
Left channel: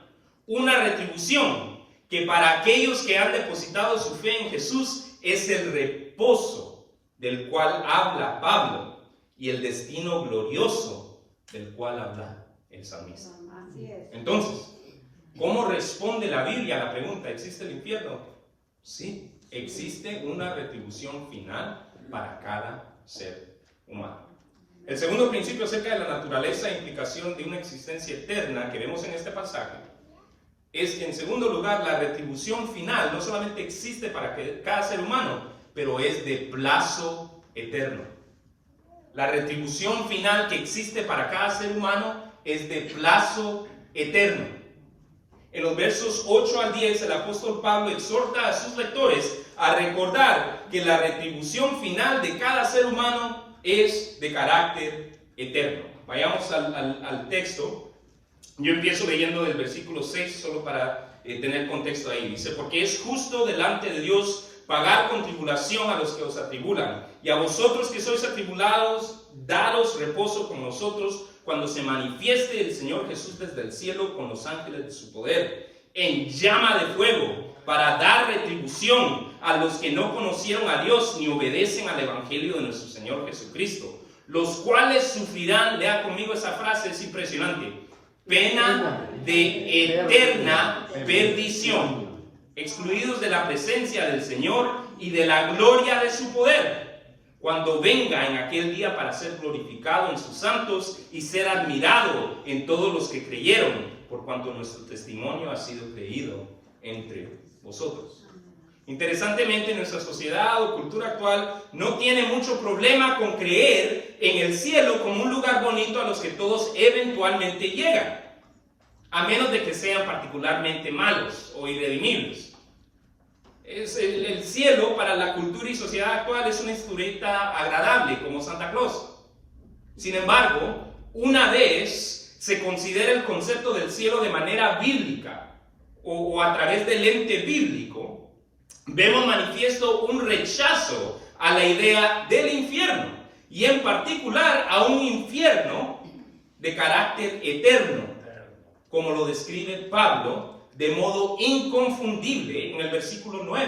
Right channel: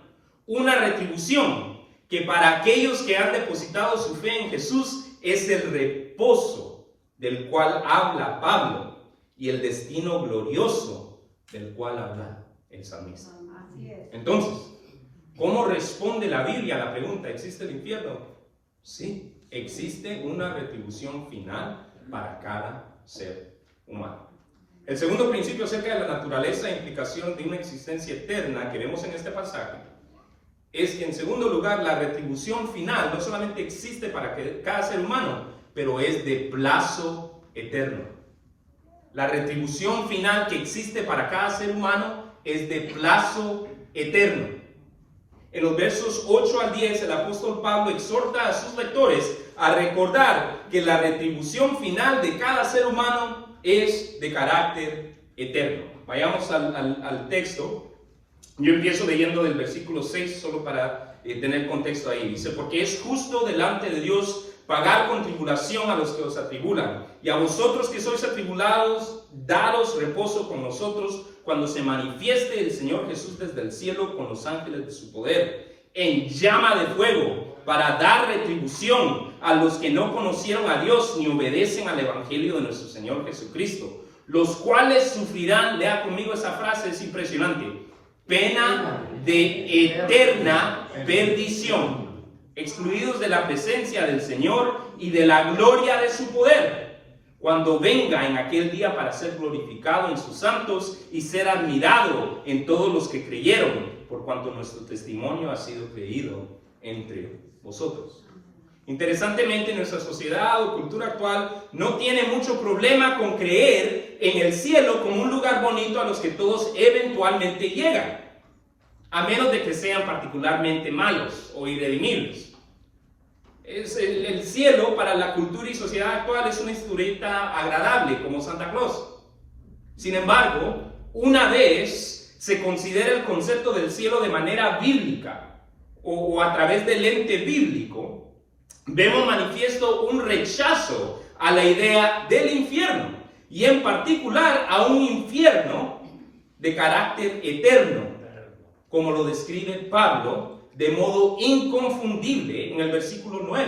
Una retribución que para aquellos que han depositado su fe en Jesús es el reposo del cual habla Pablo y el destino glorioso del cual habla el salmista. Entonces, ¿cómo responde la Biblia a la pregunta, ¿existe el infierno? Sí, existe una retribución final para cada ser humano. El segundo principio acerca de la naturaleza e implicación de una existencia eterna que vemos en este pasaje es que, en segundo lugar, la retribución final no solamente existe para cada ser humano, pero es de plazo eterno. La retribución final que existe para cada ser humano es de plazo eterno. En los versos 8 al 10, el apóstol Pablo exhorta a sus lectores a recordar que la retribución final de cada ser humano es de carácter eterno. Vayamos al texto. Yo empiezo leyendo del versículo 6 solo para tener contexto ahí. Dice, porque es justo delante de Dios pagar con tribulación a los que os atribulan, y a vosotros que sois atribulados, daros reposo con nosotros cuando se manifieste el Señor Jesús desde el cielo con los ángeles de su poder, en llama de fuego, para dar retribución a los que no conocieron a Dios ni obedecen al Evangelio de nuestro Señor Jesucristo, los cuales sufrirán, lea conmigo esa frase, es impresionante, pena de eterna perdición, excluidos de la presencia del Señor y de la gloria de su poder, cuando venga en aquel día para ser glorificado en sus santos y ser admirado en todos los que creyeron, por cuanto nuestro testimonio ha sido creído entre vosotros. Interesantemente, nuestra sociedad o cultura actual no tiene mucho problema con creer en el cielo como un lugar bonito a los que todos eventualmente llegan, a menos de que sean particularmente malos o irredimibles. El cielo para la cultura y sociedad actual es una historieta agradable, como Santa Claus. Sin embargo, una vez se considera el concepto del cielo de manera bíblica o a través del lente bíblico, vemos manifiesto un rechazo a la idea del infierno, y en particular a un infierno de carácter eterno, como lo describe Pablo de modo inconfundible en el versículo 9.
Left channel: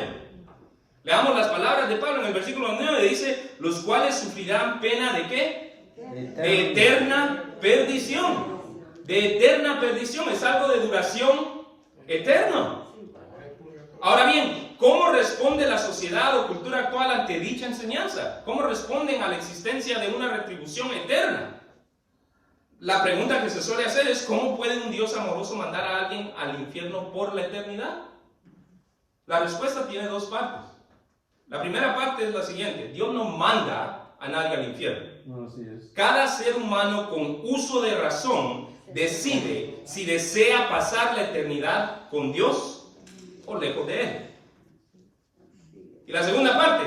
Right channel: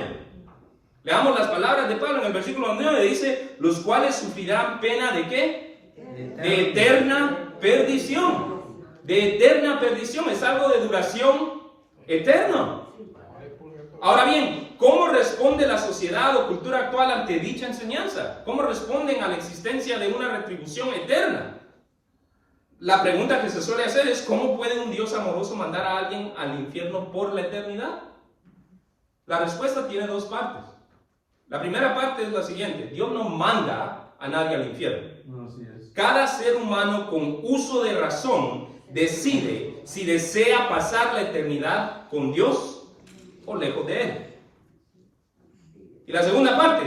Leamos las palabras de Pablo en el versículo 9, dice, los cuales sufrirán pena ¿de qué? De eterna perdición. De eterna perdición, es algo de duración eterna. Ahora bien, ¿cómo responde la sociedad o cultura actual ante dicha enseñanza? ¿Cómo responden a la existencia de una retribución eterna? La pregunta que se suele hacer es, ¿cómo puede un Dios amoroso mandar a alguien al infierno por la eternidad? La respuesta tiene dos partes. La primera parte es la siguiente: Dios no manda a nadie al infierno. Cada ser humano con uso de razón decide si desea pasar la eternidad con Dios o lejos de Él. Y la segunda parte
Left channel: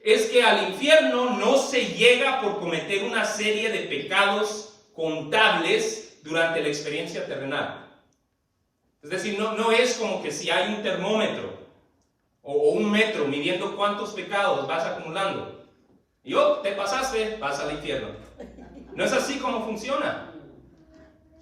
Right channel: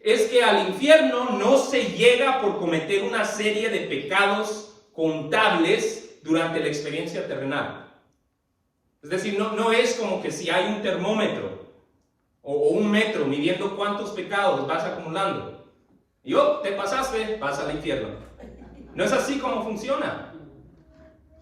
es que al infierno no se llega por cometer una serie de pecados contables durante la experiencia terrenal. Es decir, no es como que si hay un termómetro o un metro midiendo cuántos pecados vas acumulando y te pasaste, vas al infierno. No es así como funciona.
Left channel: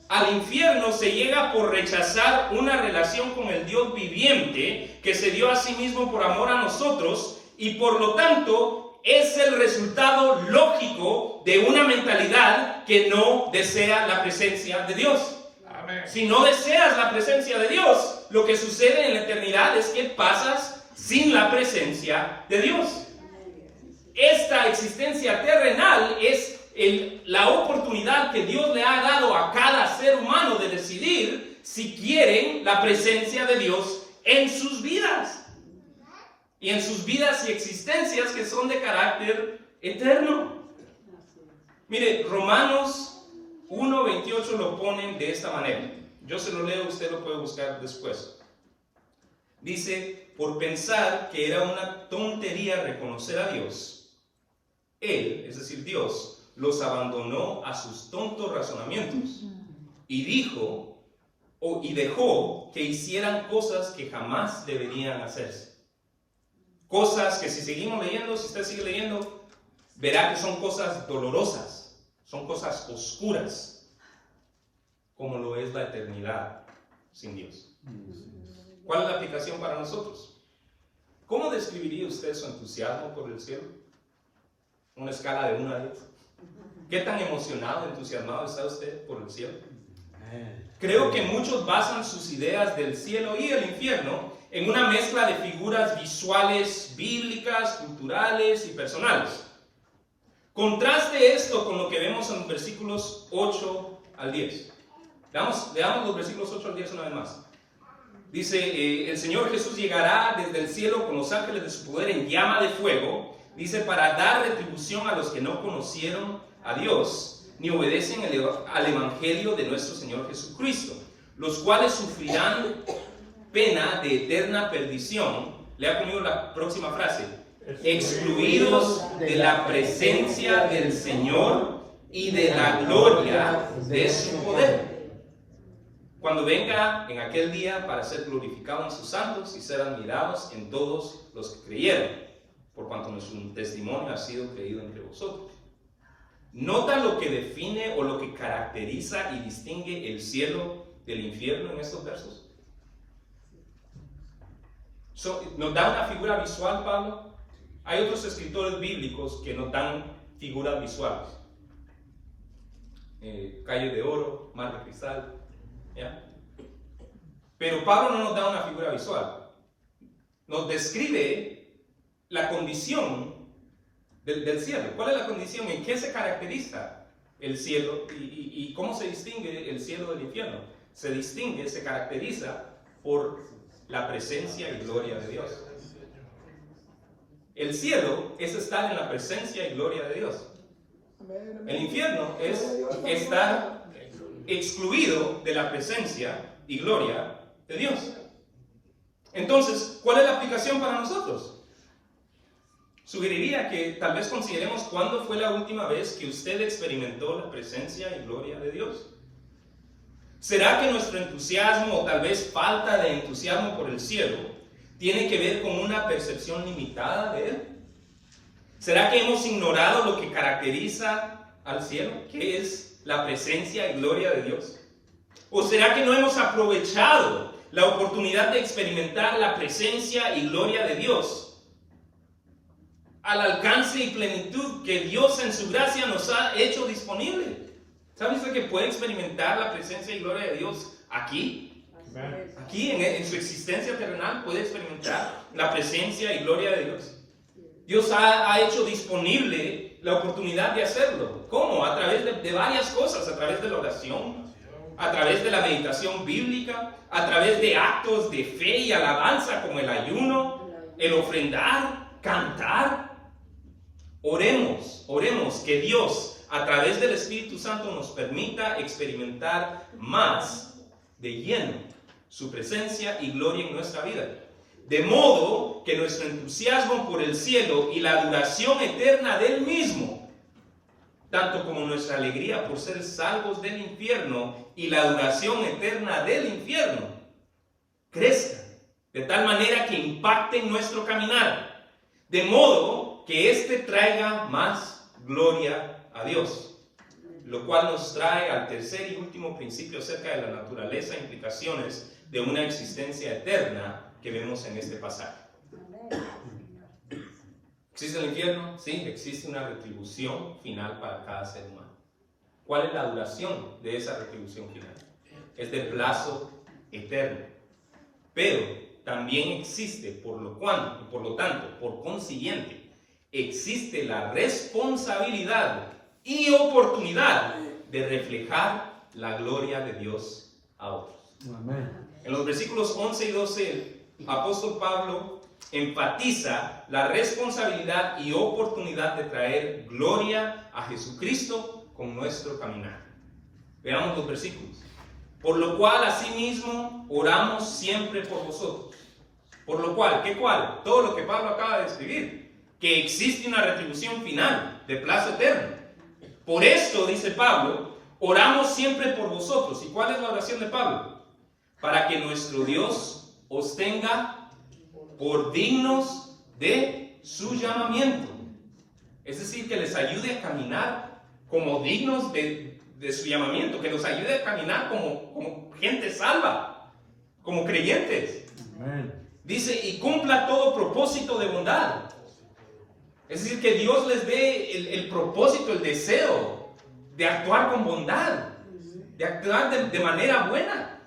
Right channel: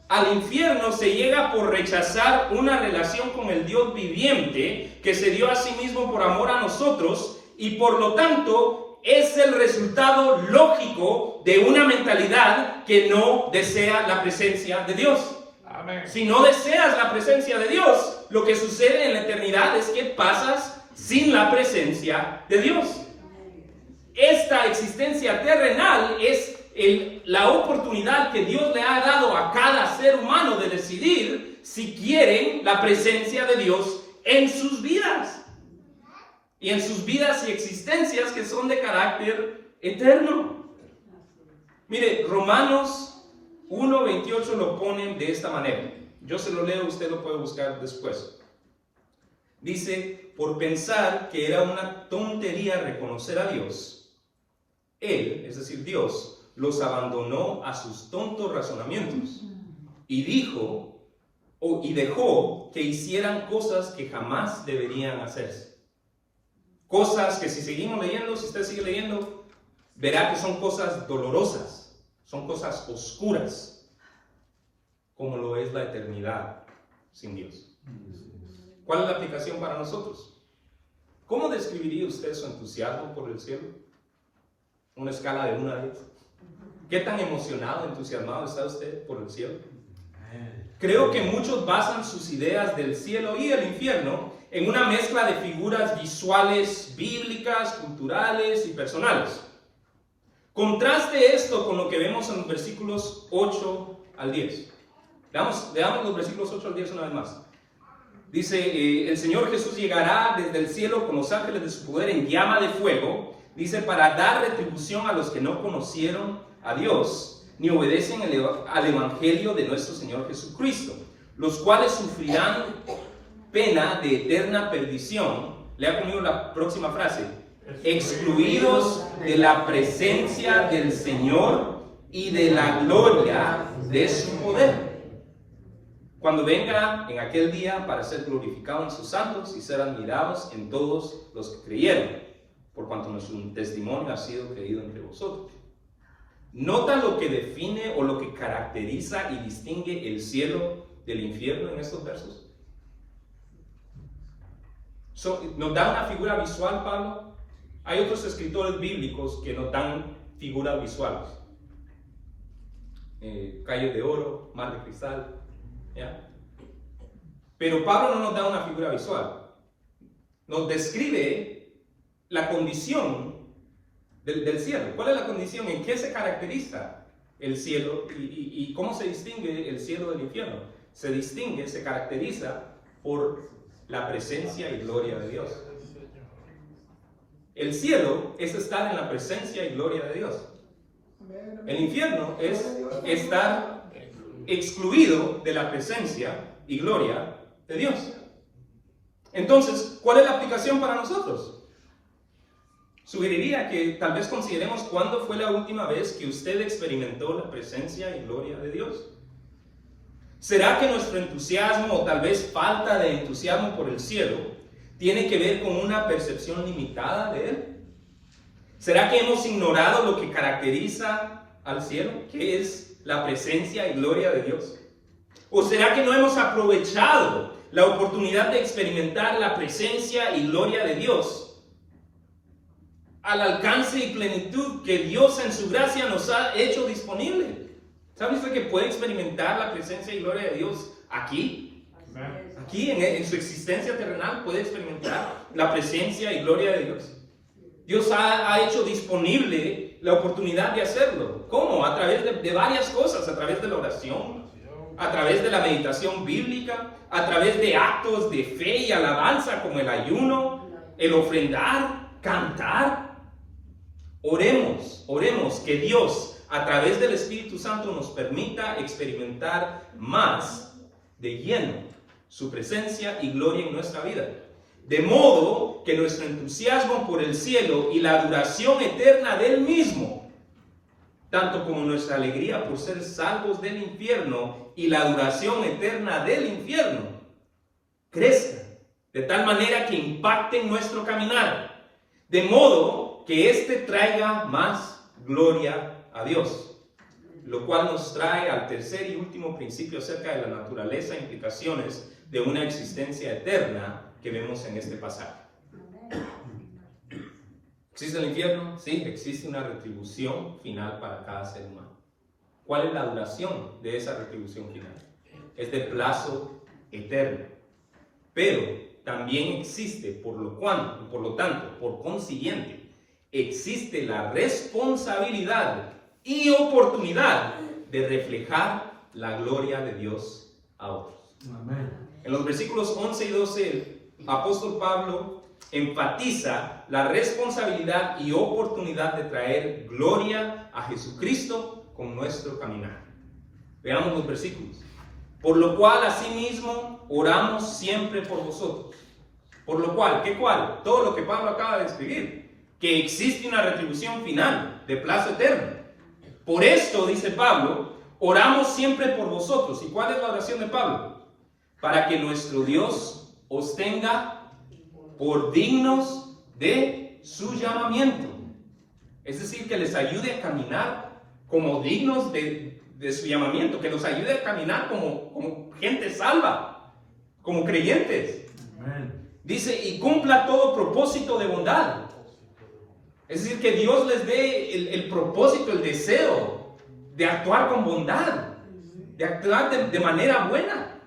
Al infierno se llega por rechazar una relación con el Dios viviente que se dio a sí mismo por amor a nosotros, y por lo tanto es el resultado lógico de una mentalidad que no desea la presencia de Dios. Amén. Si no deseas la presencia de Dios, lo que sucede en la eternidad es que pasas sin la presencia de Dios. Esta existencia terrenal es la oportunidad que Dios le ha dado a cada ser humano de decidir si quieren la presencia de Dios en sus vidas. Y en sus vidas y existencias que son de carácter eterno. Mire, Romanos 1:28 lo ponen de esta manera. Yo se lo leo, usted lo puede buscar después. Dice, por pensar que era una tontería reconocer a Dios, Él, es decir, Dios, los abandonó a sus tontos razonamientos y dejó que hicieran cosas que jamás deberían hacerse. Cosas que, si seguimos leyendo, si usted sigue leyendo, verá que son cosas dolorosas, son cosas oscuras, como lo es la eternidad sin Dios. ¿Cuál es la aplicación para nosotros? ¿Cómo describiría usted su entusiasmo por el cielo? Una escala de 1 a 10. ¿Qué tan emocionado, entusiasmado está usted por el cielo? Creo que muchos basan sus ideas del cielo y el infierno en una mezcla de figuras visuales, bíblicas, culturales y personales. Contraste esto con lo que vemos en los versículos 8 al 10. Veamos los versículos 8 al 10 una vez más. Dice, el Señor Jesús llegará desde el cielo con los ángeles de su poder en llama de fuego. Dice, para dar retribución a los que no conocieron a Dios, ni obedecen al Evangelio de nuestro Señor Jesucristo, los cuales sufrirán pena de eterna perdición. Lea conmigo la próxima frase. Excluidos de la presencia del Señor y de la gloria de su poder, cuando venga en aquel día para ser glorificado en sus santos y ser admirados en todos los que creyeron, por cuanto nuestro testimonio ha sido creído entre vosotros. ¿Nota lo que define o lo que caracteriza y distingue el cielo del infierno en estos versos? ¿Nos da una figura visual, Pablo? Hay otros escritores bíblicos que nos dan figuras visuales. Calles de oro, mar de cristal. ¿Ya? Pero Pablo no nos da una figura visual. Nos describe la condición del cielo. ¿Cuál es la condición? ¿En qué se caracteriza el cielo? ¿Y cómo se distingue el cielo del infierno? Se caracteriza por la presencia y gloria de Dios. El cielo es estar en la presencia y gloria de Dios. El infierno es estar excluido de la presencia y gloria de Dios. Entonces, ¿cuál es la aplicación para nosotros? Sugeriría que tal vez consideremos cuándo fue la última vez que usted experimentó la presencia y gloria de Dios. ¿Será que nuestro entusiasmo o tal vez falta de entusiasmo por el cielo tiene que ver con una percepción limitada de él? ¿Será que hemos ignorado lo que caracteriza al cielo, que es la presencia y gloria de Dios? ¿O será que no hemos aprovechado la oportunidad de experimentar la presencia y gloria de Dios al alcance y plenitud que Dios en su gracia nos ha hecho disponible? ¿Sabe usted que puede experimentar la presencia y gloria de Dios aquí? Aquí en su existencia terrenal puede experimentar la presencia y gloria de Dios. Dios ha hecho disponible la oportunidad de hacerlo. ¿Cómo? A través de varias cosas, a través de la oración, a través de la meditación bíblica, a través de actos de fe y alabanza como el ayuno, el ofrendar, cantar. Oremos que Dios a través del Espíritu Santo nos permita experimentar más de lleno su presencia y gloria en nuestra vida. De modo que nuestro entusiasmo por el cielo y la duración eterna del mismo, tanto como nuestra alegría por ser salvos del infierno y la duración eterna del infierno, crezcan de tal manera que impacten nuestro caminar, de modo que éste traiga más gloria a Dios. Lo cual nos trae al tercer y último principio acerca de la naturaleza e implicaciones de una existencia eterna que vemos en este pasaje. ¿Existe el infierno? Sí, existe una retribución final para cada ser humano. ¿Cuál es la duración de esa retribución final? Es de plazo eterno. Pero también existe, por lo tanto, por consiguiente, existe la responsabilidad y oportunidad de reflejar la gloria de Dios a otros. Amén. En los versículos 11 y 12, el apóstol Pablo enfatiza la responsabilidad y oportunidad de traer gloria a Jesucristo con nuestro caminar. Veamos los versículos. Por lo cual, asimismo, oramos siempre por vosotros. Por lo cual, ¿qué cual? Todo lo que Pablo acaba de escribir. Que existe una retribución final de plazo eterno. Por esto, dice Pablo, oramos siempre por vosotros. ¿Y cuál es la oración de Pablo? Para que nuestro Dios os tenga por dignos de su llamamiento. Es decir, que les ayude a caminar como dignos de su llamamiento, que nos ayude a caminar como gente salva, como creyentes. Amén. Dice, y cumpla todo propósito de bondad. Es decir, que Dios les dé el propósito, el deseo de actuar con bondad, de actuar de manera buena.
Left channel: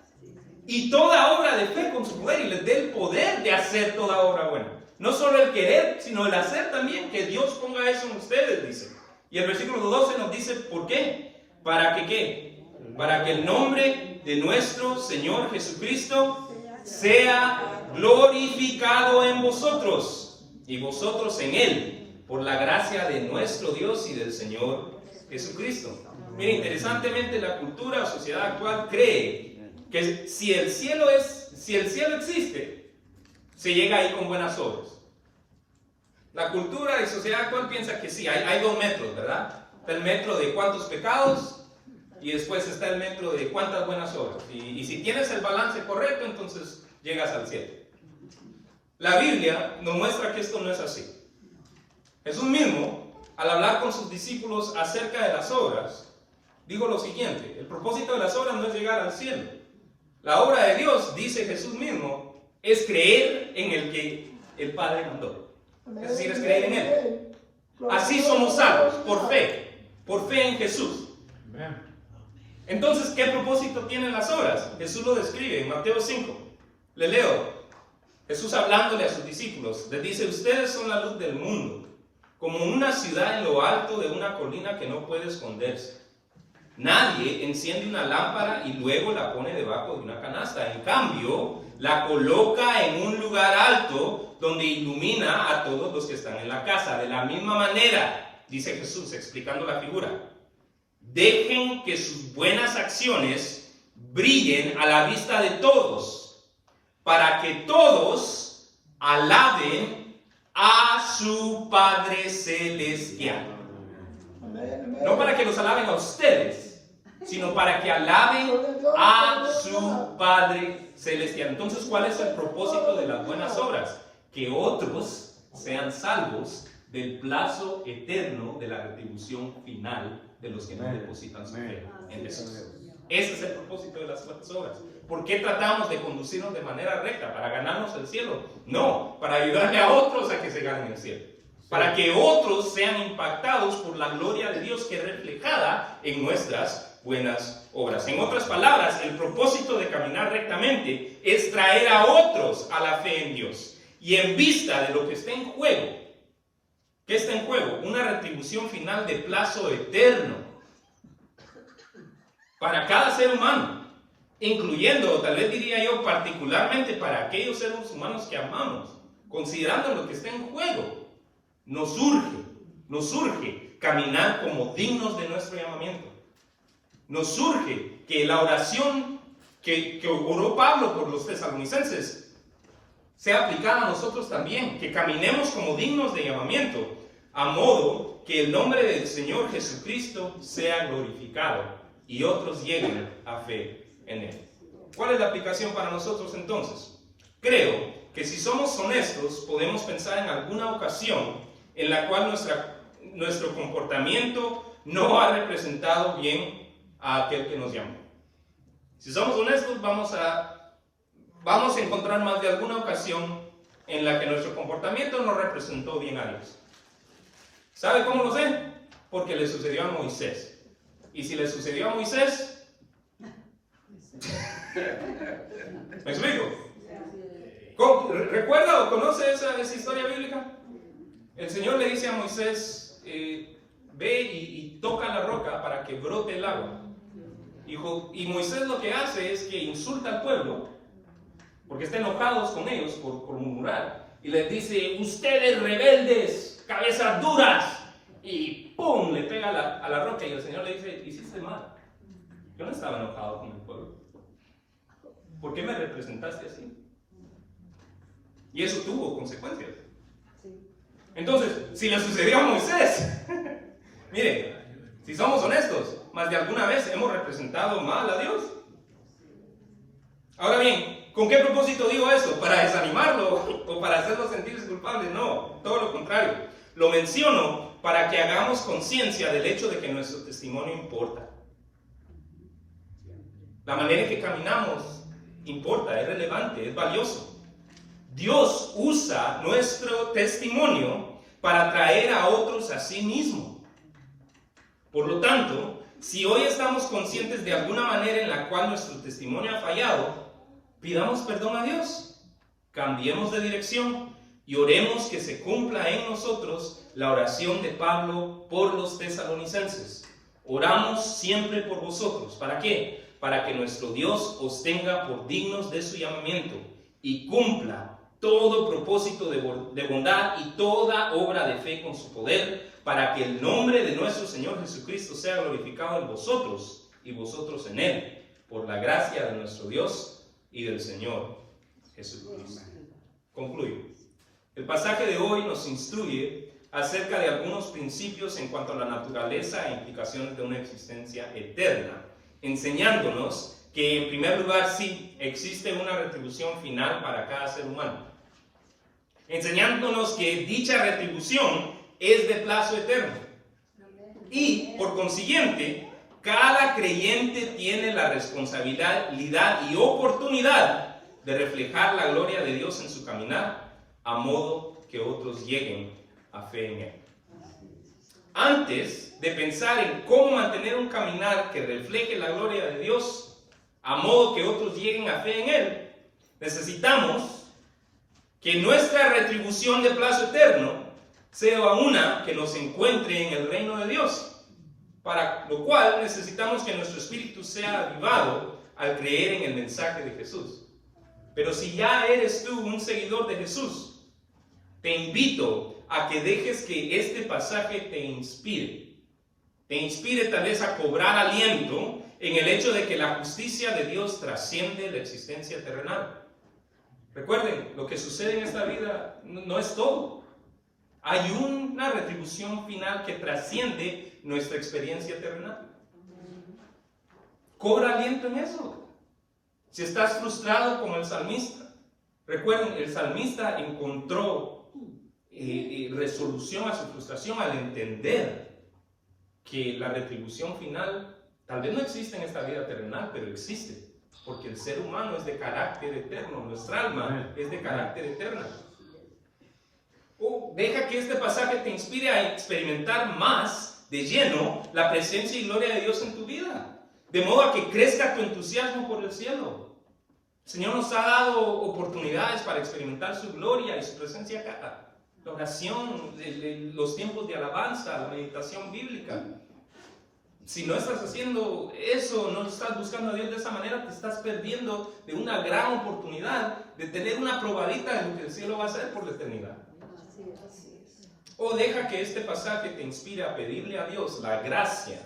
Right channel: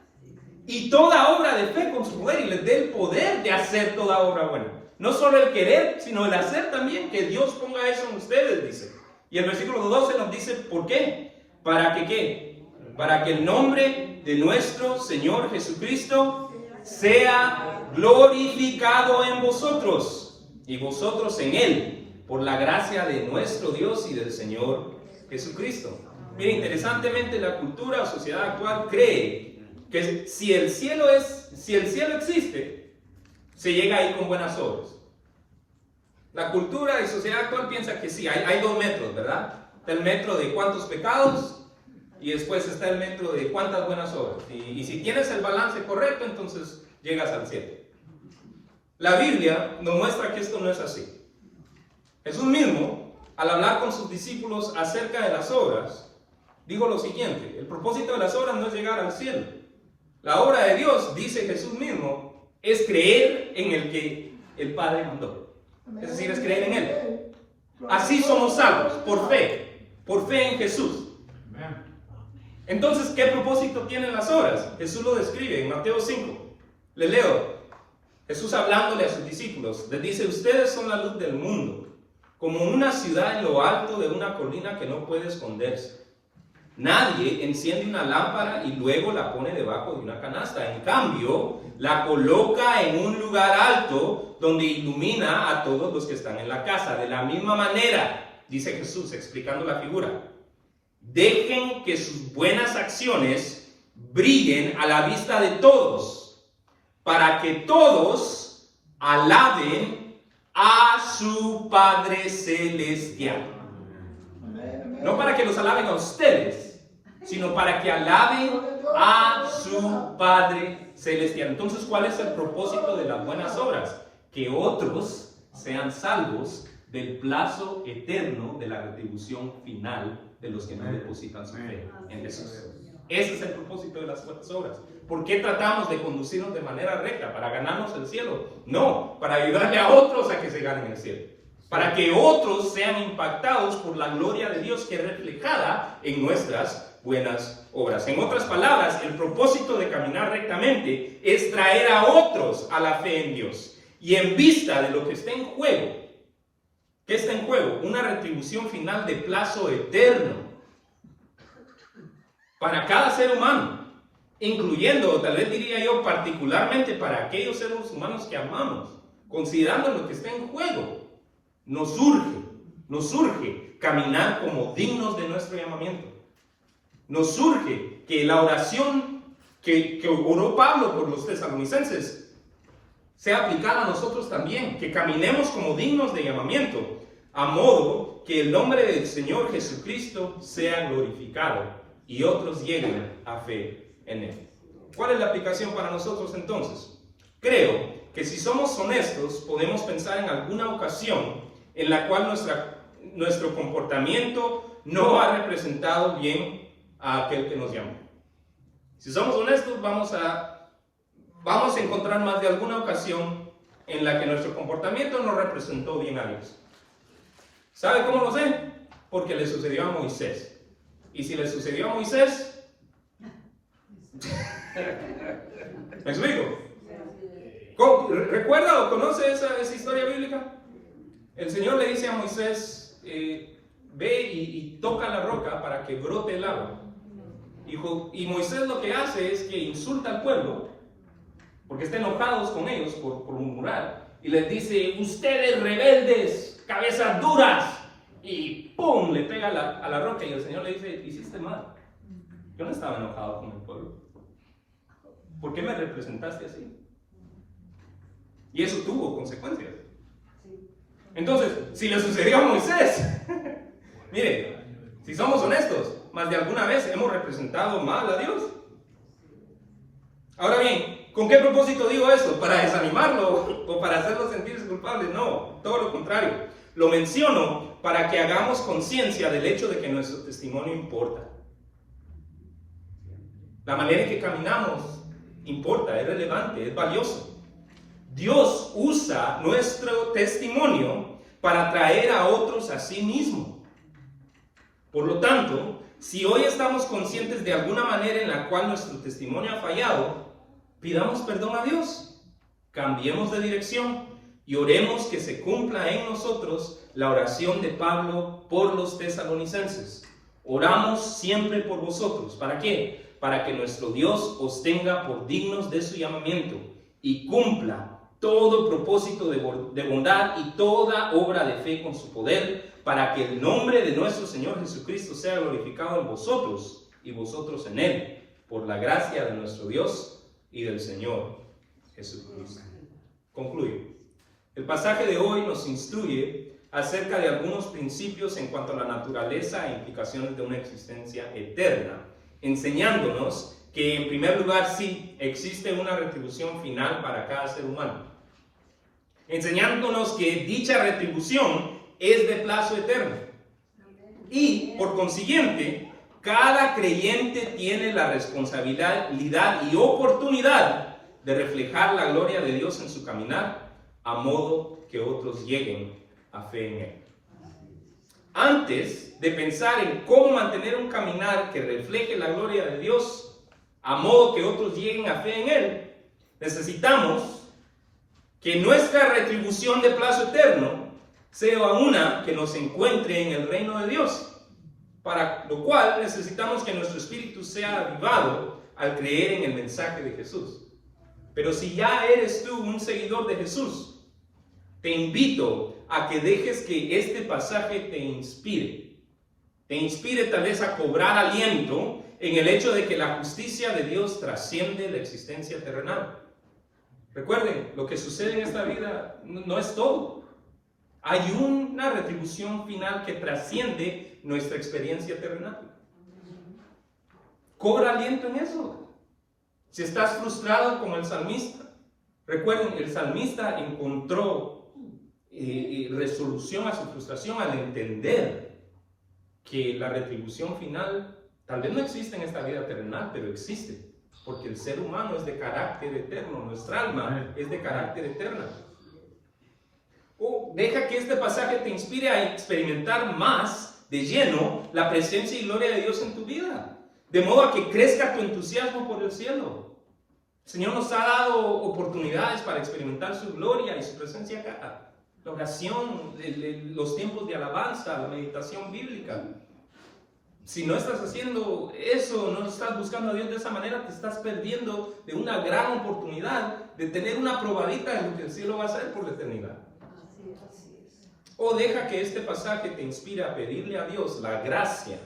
Y toda obra de fe con su poder, y les dé el poder de hacer toda obra buena. No solo el querer, sino el hacer también, que Dios ponga eso en ustedes, dice. Y el versículo 12 nos dice, ¿por qué? ¿Para que qué? Para que el nombre de nuestro Señor Jesucristo sea glorificado en vosotros, y vosotros en Él, por la gracia de nuestro Dios y del Señor Jesucristo. Miren, interesantemente, la cultura o sociedad actual cree que si el cielo existe, se llega ahí con buenas obras. La cultura y sociedad actual piensa que sí, hay dos metros, ¿verdad? Está el metro de cuántos pecados y después está el metro de cuántas buenas obras. Y si tienes el balance correcto, entonces llegas al cielo. La Biblia nos muestra que esto no es así. Jesús mismo, al hablar con sus discípulos acerca de las obras, dijo lo siguiente: el propósito de las obras no es llegar al cielo. La obra de Dios, dice Jesús mismo, es creer en el que el Padre mandó. Es decir, es creer en Él. Así somos salvos, por fe en Jesús. Entonces, ¿qué propósito tienen las obras? Jesús lo describe en Mateo 5. Le leo. Jesús hablándole a sus discípulos, les dice: ustedes son la luz del mundo, como una ciudad en lo alto de una colina que no puede esconderse. Nadie enciende una lámpara y luego la pone debajo de una canasta. En cambio, la coloca en un lugar alto donde ilumina a todos los que están en la casa. De la misma manera, dice Jesús explicando la figura, dejen que sus buenas acciones brillen a la vista de todos, para que todos alaben a su Padre Celestial. No para que los alaben a ustedes, sino para que alaben a su Padre Celestial. Entonces, ¿cuál es el propósito de las buenas obras? Que otros sean salvos del plazo eterno de la retribución final de los que no depositan su fe en Jesús. Ese es el propósito de las buenas obras. ¿Por qué tratamos de conducirnos de manera recta? ¿Para ganarnos el cielo? No, para ayudarle a otros a que se ganen el cielo. Para que otros sean impactados por la gloria de Dios que es reflejada en nuestras buenas obras. En otras palabras, el propósito de caminar rectamente es traer a otros a la fe en Dios. Y en vista de lo que está en juego, ¿qué está en juego? Una retribución final de plazo eterno para cada ser humano, incluyendo, tal vez diría yo, particularmente para aquellos seres humanos que amamos. Considerando lo que está en juego, nos urge caminar como dignos de nuestro llamamiento. Nos urge que la oración que oró Pablo por los tesalonicenses sea aplicada a nosotros también, que caminemos como dignos de llamamiento, a modo que el nombre del Señor Jesucristo sea glorificado y otros lleguen a fe en Él. ¿Cuál es la aplicación para nosotros entonces? Creo que si somos honestos, podemos pensar en alguna ocasión en la cual nuestro comportamiento no ha representado bien a aquel que nos llamó. Si somos honestos, vamos a encontrar más de alguna ocasión en la que nuestro comportamiento no representó bien a Dios. ¿Sabe cómo lo sé? Porque le sucedió a Moisés. Y si le sucedió a Moisés, ¿me explico? ¿Recuerda o conoce esa historia bíblica? El Señor le dice a Moisés, ve y toca la roca para que brote el agua. Y Moisés lo que hace es que insulta al pueblo, porque está enojados con ellos por murmurar, y les dice: ustedes rebeldes, cabezas duras, y ¡pum! Le pega a la roca, y el Señor le dice: hiciste mal. Yo no estaba enojado con el pueblo. ¿Por qué me representaste así? Y eso tuvo consecuencias. Entonces, si le sucedió a Moisés, mire, si somos honestos, más de alguna vez hemos representado mal a Dios. Ahora bien, ¿con qué propósito digo eso? ¿Para desanimarlo o para hacerlo sentirse culpable? No, todo lo contrario. Lo menciono para que hagamos conciencia del hecho de que nuestro testimonio importa. La manera en que caminamos importa, es relevante, es valioso. Dios usa nuestro testimonio para traer a otros a sí mismo. Por lo tanto, si hoy estamos conscientes de alguna manera en la cual nuestro testimonio ha fallado, pidamos perdón a Dios, cambiemos de dirección y oremos que se cumpla en nosotros la oración de Pablo por los tesalonicenses. Oramos siempre por vosotros. ¿Para qué? Para que nuestro Dios os tenga por dignos de su llamamiento y cumpla todo propósito de bondad y toda obra de fe con su poder, para que el nombre de nuestro Señor Jesucristo sea glorificado en vosotros y vosotros en Él, por la gracia de nuestro Dios y del Señor Jesucristo. Concluyo. El pasaje de hoy nos instruye acerca de algunos principios en cuanto a la naturaleza e implicaciones de una existencia eterna, enseñándonos que en primer lugar sí existe una retribución final para cada ser humano, enseñándonos que dicha retribución es de plazo eterno y por consiguiente cada creyente tiene la responsabilidad y oportunidad de reflejar la gloria de Dios en su caminar, a modo que otros lleguen a fe en Él. Antes de pensar en cómo mantener un caminar que refleje la gloria de Dios, a modo que otros lleguen a fe en Él, necesitamos que nuestra retribución de plazo eterno sea una que nos encuentre en el reino de Dios, para lo cual necesitamos que nuestro espíritu sea avivado al creer en el mensaje de Jesús. Pero si ya eres tú un seguidor de Jesús, te invito a que dejes que este pasaje te inspire tal vez a cobrar aliento en el hecho de que la justicia de Dios trasciende la existencia terrenal. Recuerden, lo que sucede en esta vida no es todo. Hay una retribución final que trasciende nuestra experiencia terrenal. Cobra aliento en eso. Si estás frustrado como el salmista, recuerden, el salmista encontró resolución a su frustración al entender que la retribución final tal vez no existe en esta vida terrenal, pero existe, porque el ser humano es de carácter eterno, nuestra alma es de carácter eterno. Deja que este pasaje te inspire a experimentar más de lleno la presencia y gloria de Dios en tu vida, de modo a que crezca tu entusiasmo por el cielo. El Señor nos ha dado oportunidades para experimentar su gloria y su presencia acá. La oración, los tiempos de alabanza, la meditación bíblica. Si no estás haciendo eso, no estás buscando a Dios de esa manera, te estás perdiendo de una gran oportunidad de tener una probadita de lo que el cielo va a hacer por la eternidad. O deja que este pasaje te inspire a pedirle a Dios la gracia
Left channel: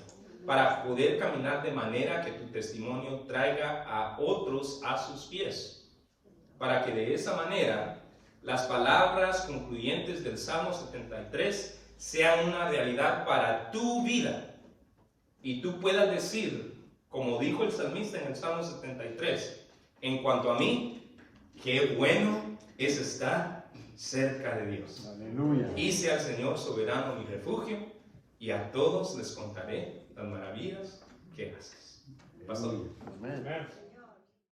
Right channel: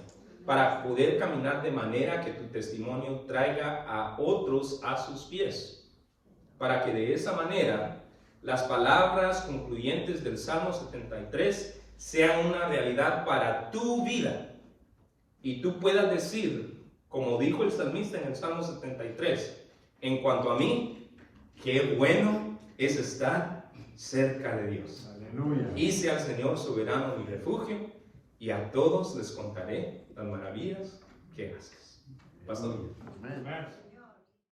para poder caminar de manera que tu testimonio traiga a otros a sus pies, para que de esa manera las palabras concluyentes del Salmo 73 sean una realidad para tu vida y tú puedas decir, como dijo el salmista en el Salmo 73, en cuanto a mí, qué bueno es estar cerca de Dios. Aleluya. Hice al Señor soberano mi refugio y a todos les contaré las maravillas que haces. Pastor. Amén.